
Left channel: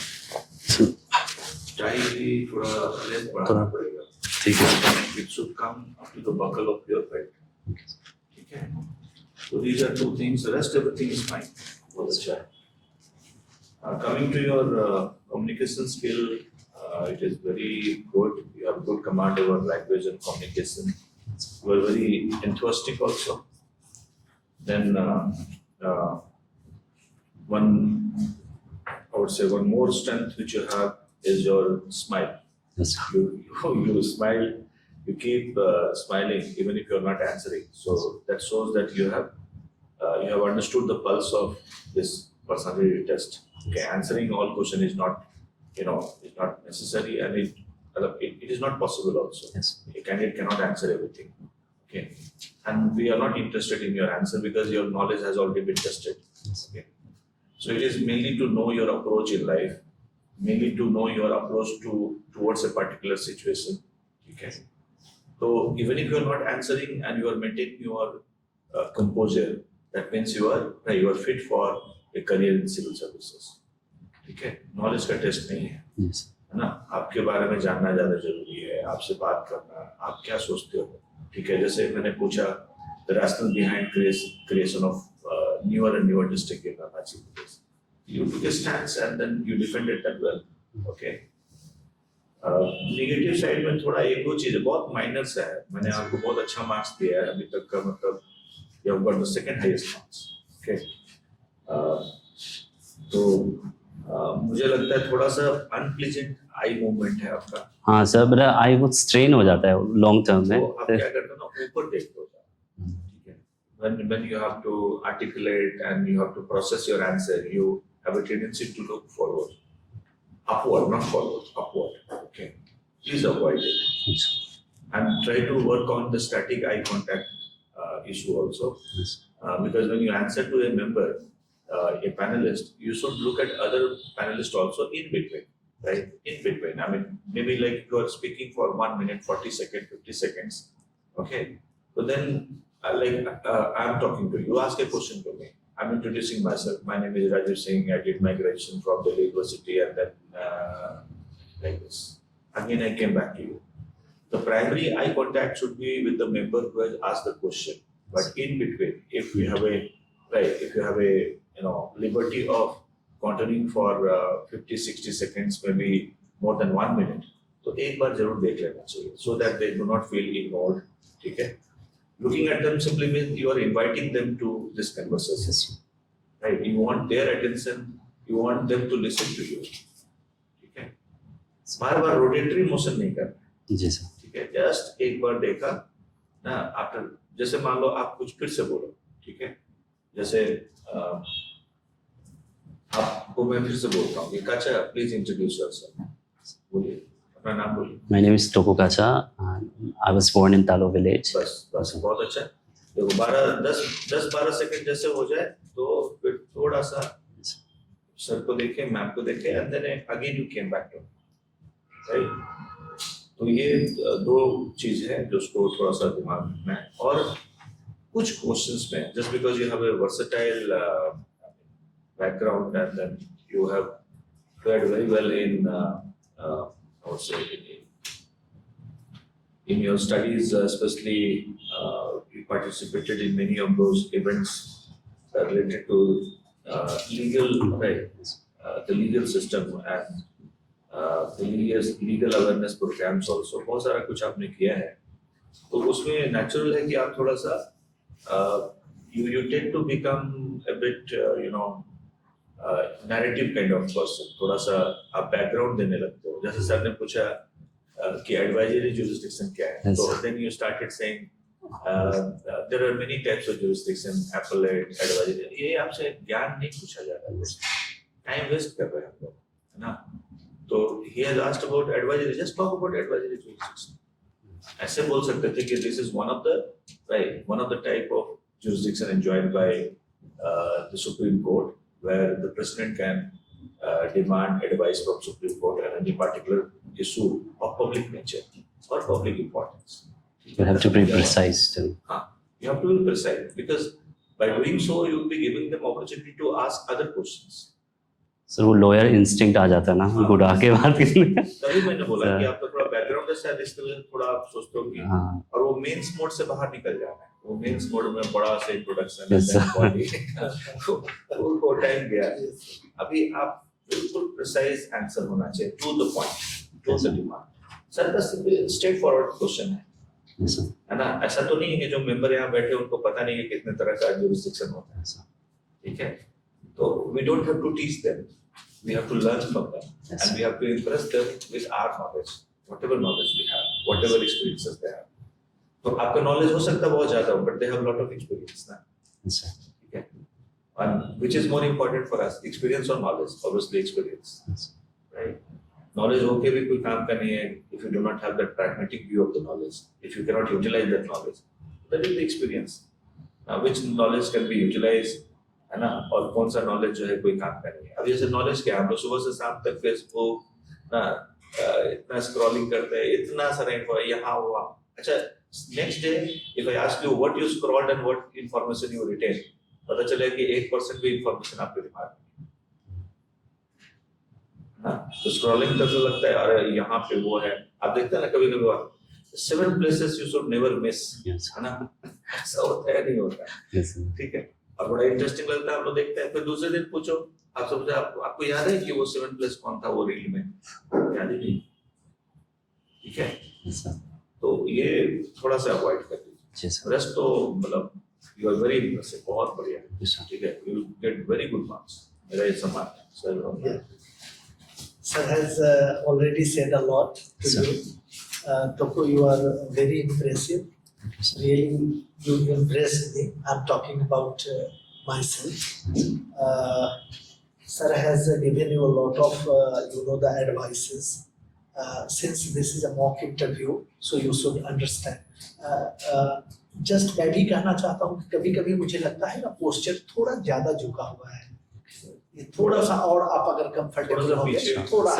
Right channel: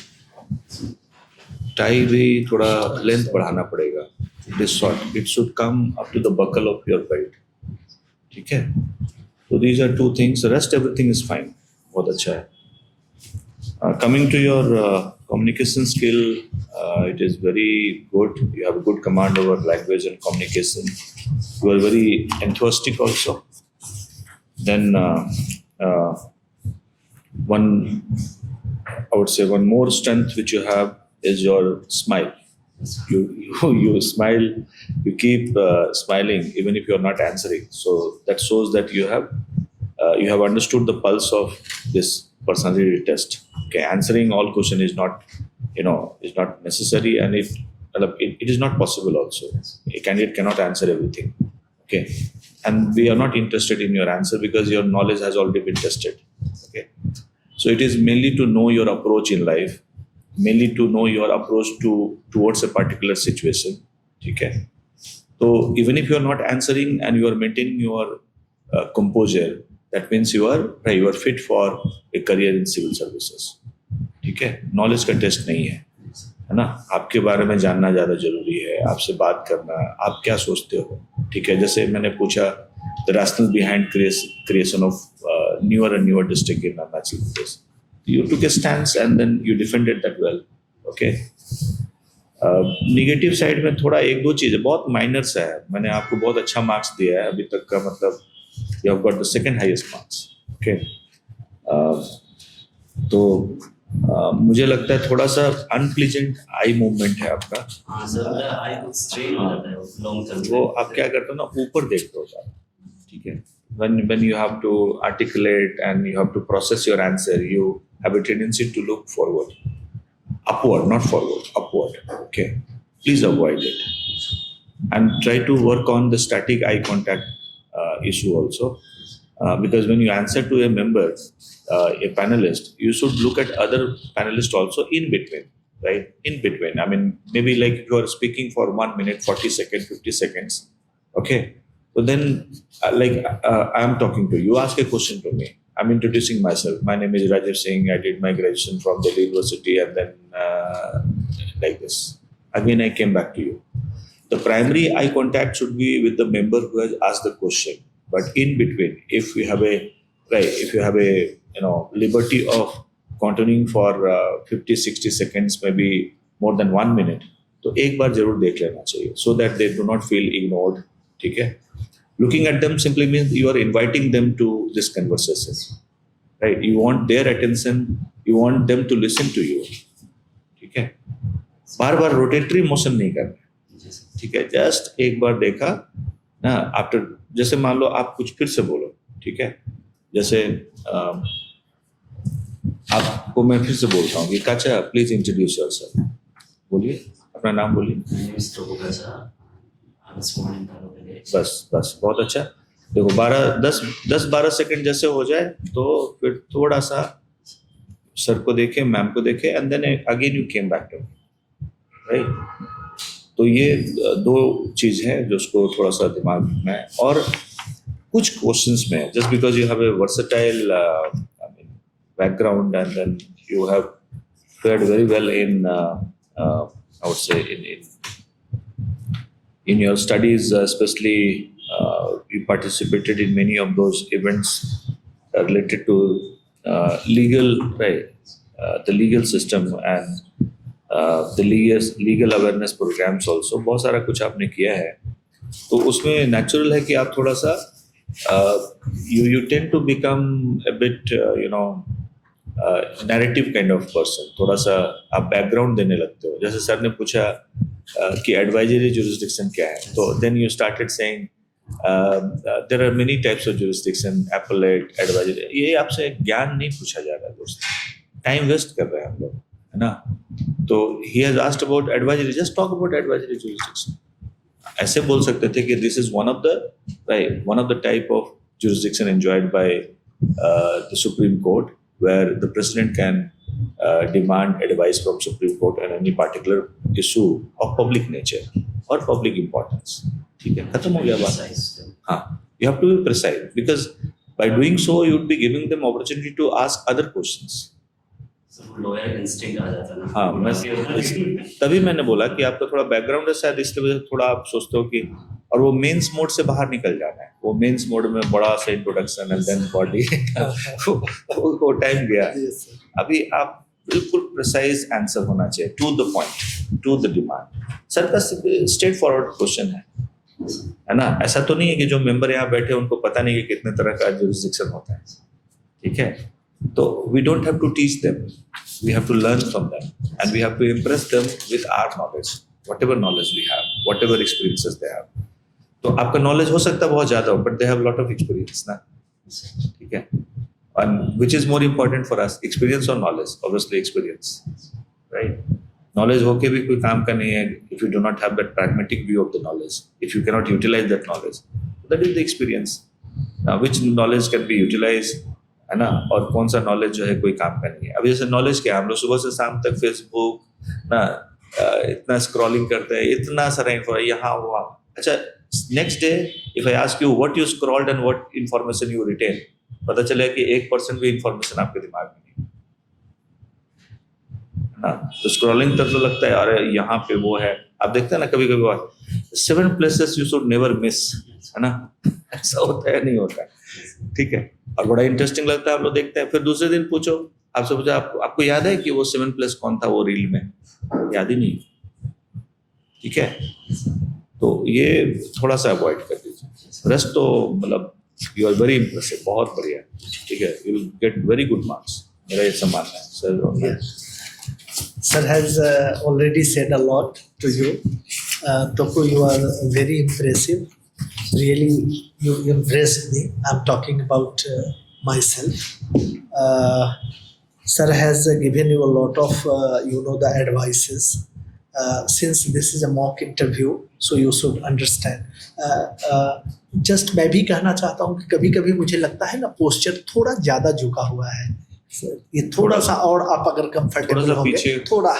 टाई भी थोड़ा लेंथ बढ़ाना पड़ेगा. ठीक है. It should come up to the buckle of your belt. ठीक है. So these are two things. The rest everything is fine. बहुत अच्छा है. Coming to your communication skill, it is very good. You have a good command over language and communication. You are very enthusiastic also. Then one more strength which you have is your smile. Yes, sir. You smile, you keep smiling even if you are not answering. So that shows that you have understood the pulse of this personality test. Okay, answering all question is not necessary, and it is not possible also. Yes. A candidate cannot answer everything. Okay, and we are not interested in your answer because your knowledge has already been tested. Okay, so it is mainly to know your approach in life, mainly to know your approach towards a particular situation. Okay, so even if you are not answering and you are maintaining your composure, that means you are fit for a career in civil services. ठीक है, knowledge का test नहीं है. Yes. है ना, आपके बारे में जानना ज़्यादा जरूरी है, आपसे बात करना, आप क्या सोचते हो, ठीक है। जैसे मैंने पूछा the rational behind creation of newer and newer district in Arunachal Pradesh. You took a stance and then you defended that well. Okay. Negative side में थोड़ा एक दो चीज़ बहुत माइनर्स है, मैंने आपको बहुत अच्छा मार्क्स दिया है अभी तक का, मतलब you have got the second highest marks. Okay, तो मुझे लगता है थोड़ा सा अनप्लीजेंट आई मूवमेंट है आपका। हाँ सर, मेरा आई बहुत स्ट्रेन हो जाता है लॉन्ग टर्म में। वो आप क्या करते हो ना, ऊपर देखते हो ज़्यादा, ठीक है। when you have to articulate and you have to process your answer, you have a tendency to look forward, upward, not forward, upward. Okay, please avoid it and try to work on the static eye contact issue also, because when you answer to a member, a panelist, you should look at other panelists also in between, right? In between, I mean, maybe like you are speaking for 1 minute 40 seconds, 50 seconds, okay. So then, I'm talking to you. You ask a question to me. I'm introducing myself. My name is Rajesh Singh. I did my graduation from Delhi University, and then like this. Again, I came back to you. The primary eye contact should be with the member who has asked the question. But in between, if you have a liberty of continuing for 50, 60 seconds, maybe more than 1 minute, तो एक बार जरूर देख लेना चाहिए, so that they do not feel ignored. ठीक है? Looking at them simply means you are inviting them to this conversation, right? You want their attention, you want them to listen to you, ठीक है? बार बार rotatory motion नहीं करना, जी sir, ठीक है? Just एक बार देखा ना, आफ्टर, जैसे मान लो आप कुछ फिर से बोलो, ठीक है? जैसे आपको मैं फिर से बोलता हूँ कि काचा, प्लीज इंट्रोड्यूस योरसेल्फ, बोलिए अपना नाम बोलिए। My name is Toko Kacha. I was born in Talo village. बस बहुत अच्छा। देखो 10-12 सेकंड जैसे हो जाए तो फिर थोड़ा सा सर को देखे, मैम को देखे, and then again you came back to, right. तो ये दो चीज है जो उसको थोड़ा सा दिमाग में, और कुछ क्वेश्चंस में just because you have a versatile background and then you have fared very well in I would say in your studies, especially you participated in many of those events related to legal, right? The legal system and the legal awareness programs also. बहुत सारा कुछ आपने किया है, तो उसमें natural है कि आप थोड़ा सा you tend to become a bit narrative kind of person, थोड़ा सा आप बैकग्राउंड देने लगते हो। जैसे सर ने पूछा कि एडवाइजरी जुरिसडिक्शन क्या है, तो then you started saying there are many types of jurisdiction, appellate, advisory. ये आपसे ज्ञान नहीं पूछा जा रहा है, टाइम वेस्ट कर रहे हैं हम लोग, है ना। तो he has asked about advisory, just talk about advisory jurisdiction. ऐसे बोल सकते थे कि this is one of the type of jurisdiction enjoyed by the supreme court, where the president can demand advice from Supreme Court on any particular issue of public nature or public importance. You have to be precise too. You have to be precise, because by doing so you would be giving them opportunity to ask other questions. Sir वो lawyer instinct आ जाता है ना, बुढ़ा के बाद। तभी मैंने बोला कि आपका थोड़ा बैकग्राउंड है शायद, इसकी वजह से थोड़ा आप सोचते हो कि और वो मेंस मोड से बाहर निकल जाना है। वो मेंस मोड में बड़ा सा इंट्रोडक्शन है, देन बॉडी, वो टाइम गया। अभी आप बिल्कुल प्रिसाइज आंसर होना चाहिए, to the point, to the demand. Sir का स्ट्रेट फॉरवर्ड क्वेश्चन है ना। ऐसा तो नहीं है कि जो मेंबर यहाँ बैठे उनको पता नहीं कि कितने तरह का जुरिसडिक्शन होता है, ठीक है। So we don't have to teach them, we have to learn from them, and we have to impress them with our knowledge, whatever knowledge we have, whatever experiences they have. तो आपका knowledge हो सकता है बहुत ज़्यादा हो, but they have a lot of experience ना, ठीक है। And which is more important for us, experience or knowledge? Obviously experience, right? Knowledge होके भी कोई काम का नहीं है if you do not have that pragmatic view of the knowledge, if you cannot utilize that knowledge, that is the experience. Now which knowledge can be utilized, है ना, और कौन सा नॉलेज जो है कोई काम का नहीं है। अब जैसे नॉलेज क्या, हम लोग सुबह से शाम तक फेसबुक ना इतना स्क्रॉलिंग करते हैं, इतना सारा इन्फॉर्मेशन यहाँ हुआ। अच्छा, next day if I ask you what you scrolled and what information you retain, पता चले कि 1% भी इन्फॉर्मेशन आपके दिमाग में नहीं, हाँ, तो स्क्रॉलिंग तक तो लगता है अरे यहाँ पे वो है, आप देखते हैं ना कभी कभी बात 7 places you should never miss, Yes. है ना, ऐसा होता है नहीं होता, Yes. ठीक है, और बड़ा इंटरेस्टिंग लगता है, आप लोग देखते हैं, फिर दूसरे दिन पूछो, आपसे पूछो आपको याद है कि वो 7 प्लेस कौन था वो रील में, याद ही नहीं, ठीक है, तो ये थोड़ा सा अवॉइड कर दीजिए, Yes. रेस्ट तो मतलब यू आर वेरी इम्प्रेसिव, बहुत बढ़िया, ठीक है, you will get very good marks, मेरा ऐसा मानना है sir. Sir has already said a lot to you. Toko, you are very impressive. Really, you impressed me. I'm talking about myself. Sir has given you a lot of, the advices. Since this is a mock interview, so you should understand. Just मैं भी कहना चाहता हूँ कि कभी-कभी मुझे लगता है ना पोस्चर थोड़ा ज़्यादा झुका हुआ है. ये थोड़ा सा और आप अगर कंफर्टेबल होंगे थोड़ा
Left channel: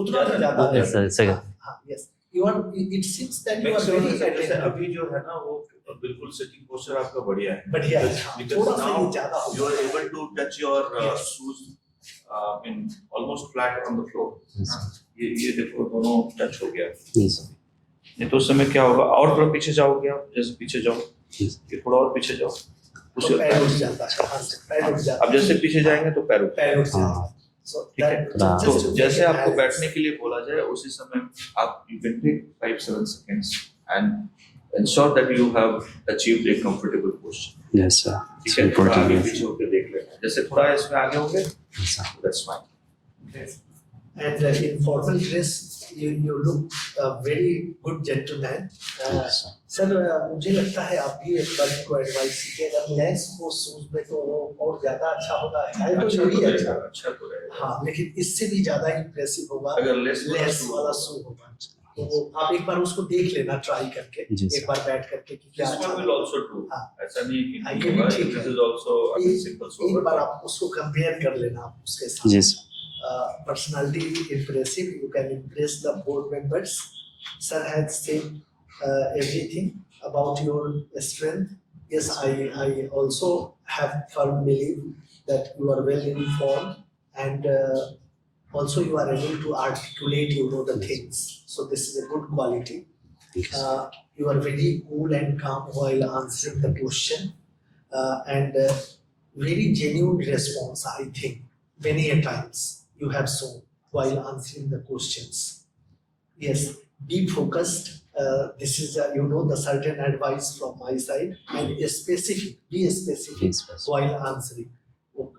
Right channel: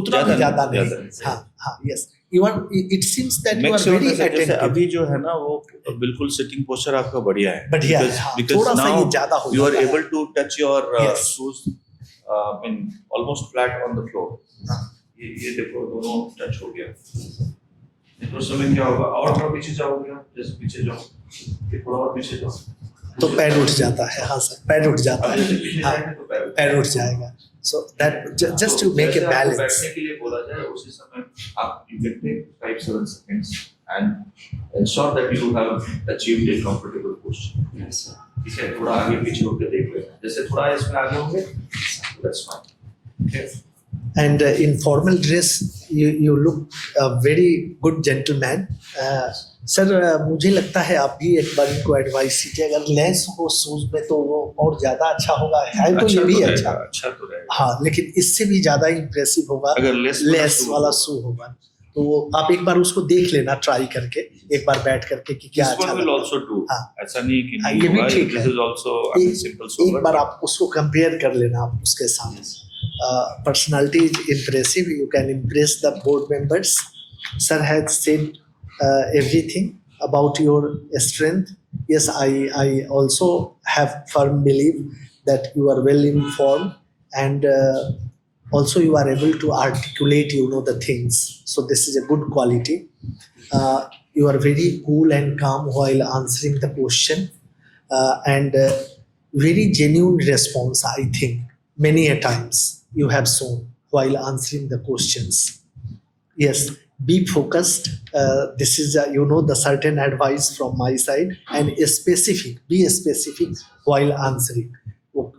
उतना भी ज़्यादा नहीं, हाँ yes, you are, it seems that you are very attentive, अभी जो है ना वो बिल्कुल सिटिंग पोस्चर आपका बढ़िया है, बढ़िया है, थोड़ा सा ये ज़्यादा हो यू आर जाता है. Able to touch your shoes in almost flat on the floor, ये देखो दोनों टच हो गया, ये तो उस समय क्या होगा, और थोड़ा पीछे जाओगे आप, जैसे पीछे जाओ, ये थोड़ा और पीछे जाओ तो पैर उठ जाता है, हाँ सर पैर उठ जाता अब है, जैसे पीछे जाएंगे तो पैर उठ जाएगा, so that just to make जैसे ए आपको बैलेंस. बैठने के लिए बोला जाए उसी समय आप you can take 5-7 seconds and ensure that you have achieved a comfortable posture, Yes, sir. ठीक है, थोड़ा आगे पीछे होकर देख लेना, जैसे थोड़ा इसमें आगे होंगे that's fine, okay. And in formal dress, you look a very good gentleman. Sir मुझे लगता है आप भी एक बार इनको एडवाइस कीजिए, अगर लेस हो शूज में तो वो और ज्यादा अच्छा होगा, है तो ये भी अच्छा तो रहेगा, हाँ, लेकिन इससे भी ज्यादा इम्प्रेसिव होगा अगर लेस वाला शू होगा, तो वो आप एक बार उसको देख लेना ट्राई करके, एक बार बैठ करके कि क्या अच्छा will लगता also do, हाँ, ऐसा नहीं है कि हाँ, नहीं ये भी होगा, ठीक है. this is also a simple sober, एक बार आप उसको कंपेयर कर लेना आप उसके साथ. Yes. Personality is impressive. You can impress the board members. Sir has said everything about your strength. Yes, I also have firm belief that you are well informed and also you are able to articulate, the things. So this is a good quality. You are very cool and calm while answering the question and very genuine response, I think. Many a times you have shown while answering the questions. Yes, be focused. This is the certain advice from my side, and specific. Be specific while answering.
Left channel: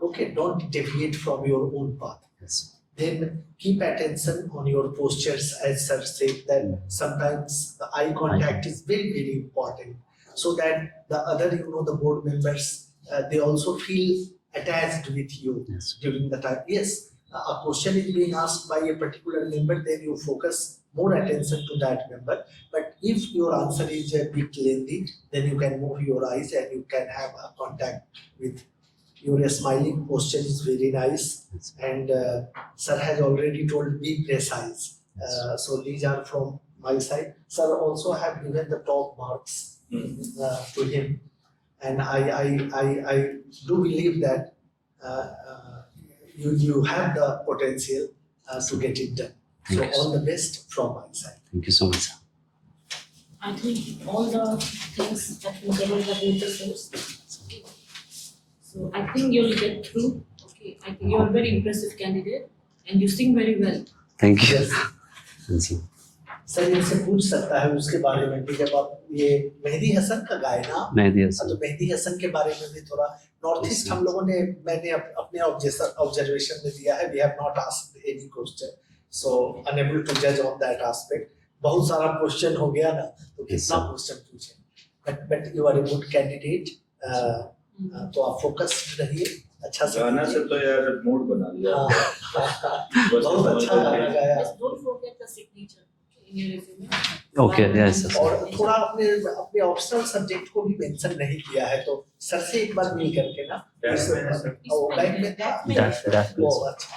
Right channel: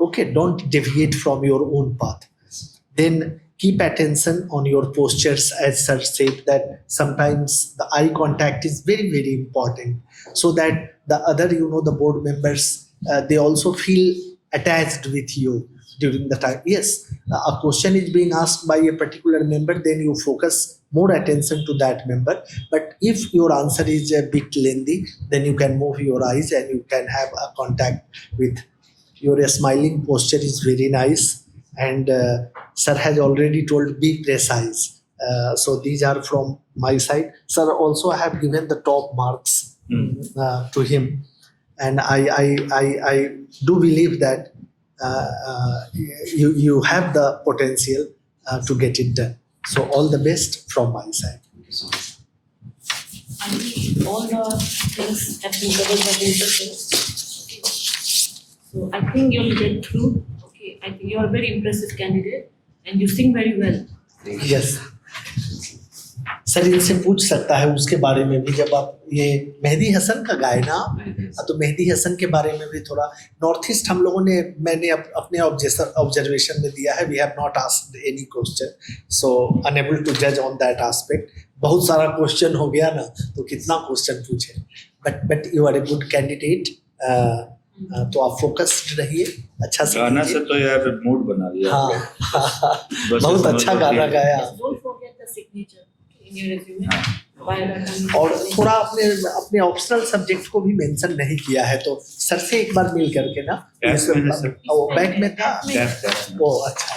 Okay, don't deviate from your own path. Then keep attention on your postures, as sir said that sometimes the eye contact is very very important, so that the other the board members they also feel attached with you during the time. Yes, a question is being asked by a particular member, then you focus more attention to that member. But if your answer is a bit lengthy, then you can move your eyes and you can have a contact with. Your smiling posture is very nice, and sir has already told be precise. So these are from my side. Sir also have given the top marks to him. And I do believe that you have the potential to get it done. So all the best from my side. Thank you so much, sir. I think all the things have been covered by the interface. So I think you'll get through. Okay, I think you're a very impressive candidate and you sing very well. Thank you. Yes. Thank you. Sir इनसे पूछ सकता है उसके बारे में भी, जब आप ये मेहदी हसन का गाए ना, तो मेहदी हसन के बारे में भी थोड़ा. नॉर्थ ईस्ट हम लोगों ने, मैंने अपने ऑब्जर्वेशन में दिया है, we have not asked any question, so unable to जज ऑन दैट एस्पेक्ट. बहुत सारा क्वेश्चन हो गया ना, तो कितना क्वेश्चन पूछे, but you are a good candidate. तो आप फोकस्ड रहिए, अच्छा से गाना से तो यार मूड बना लिया. हाँ, बहुत अच्छा गाना गाया. Just don't forget the signature in your resume. Okay, yes. और थोड़ा अपने ऑप्शनल सब्जेक्ट को भी मेंशन नहीं किया है, तो सर से एक बार मिल करके ना, बैग में था वो, अच्छा.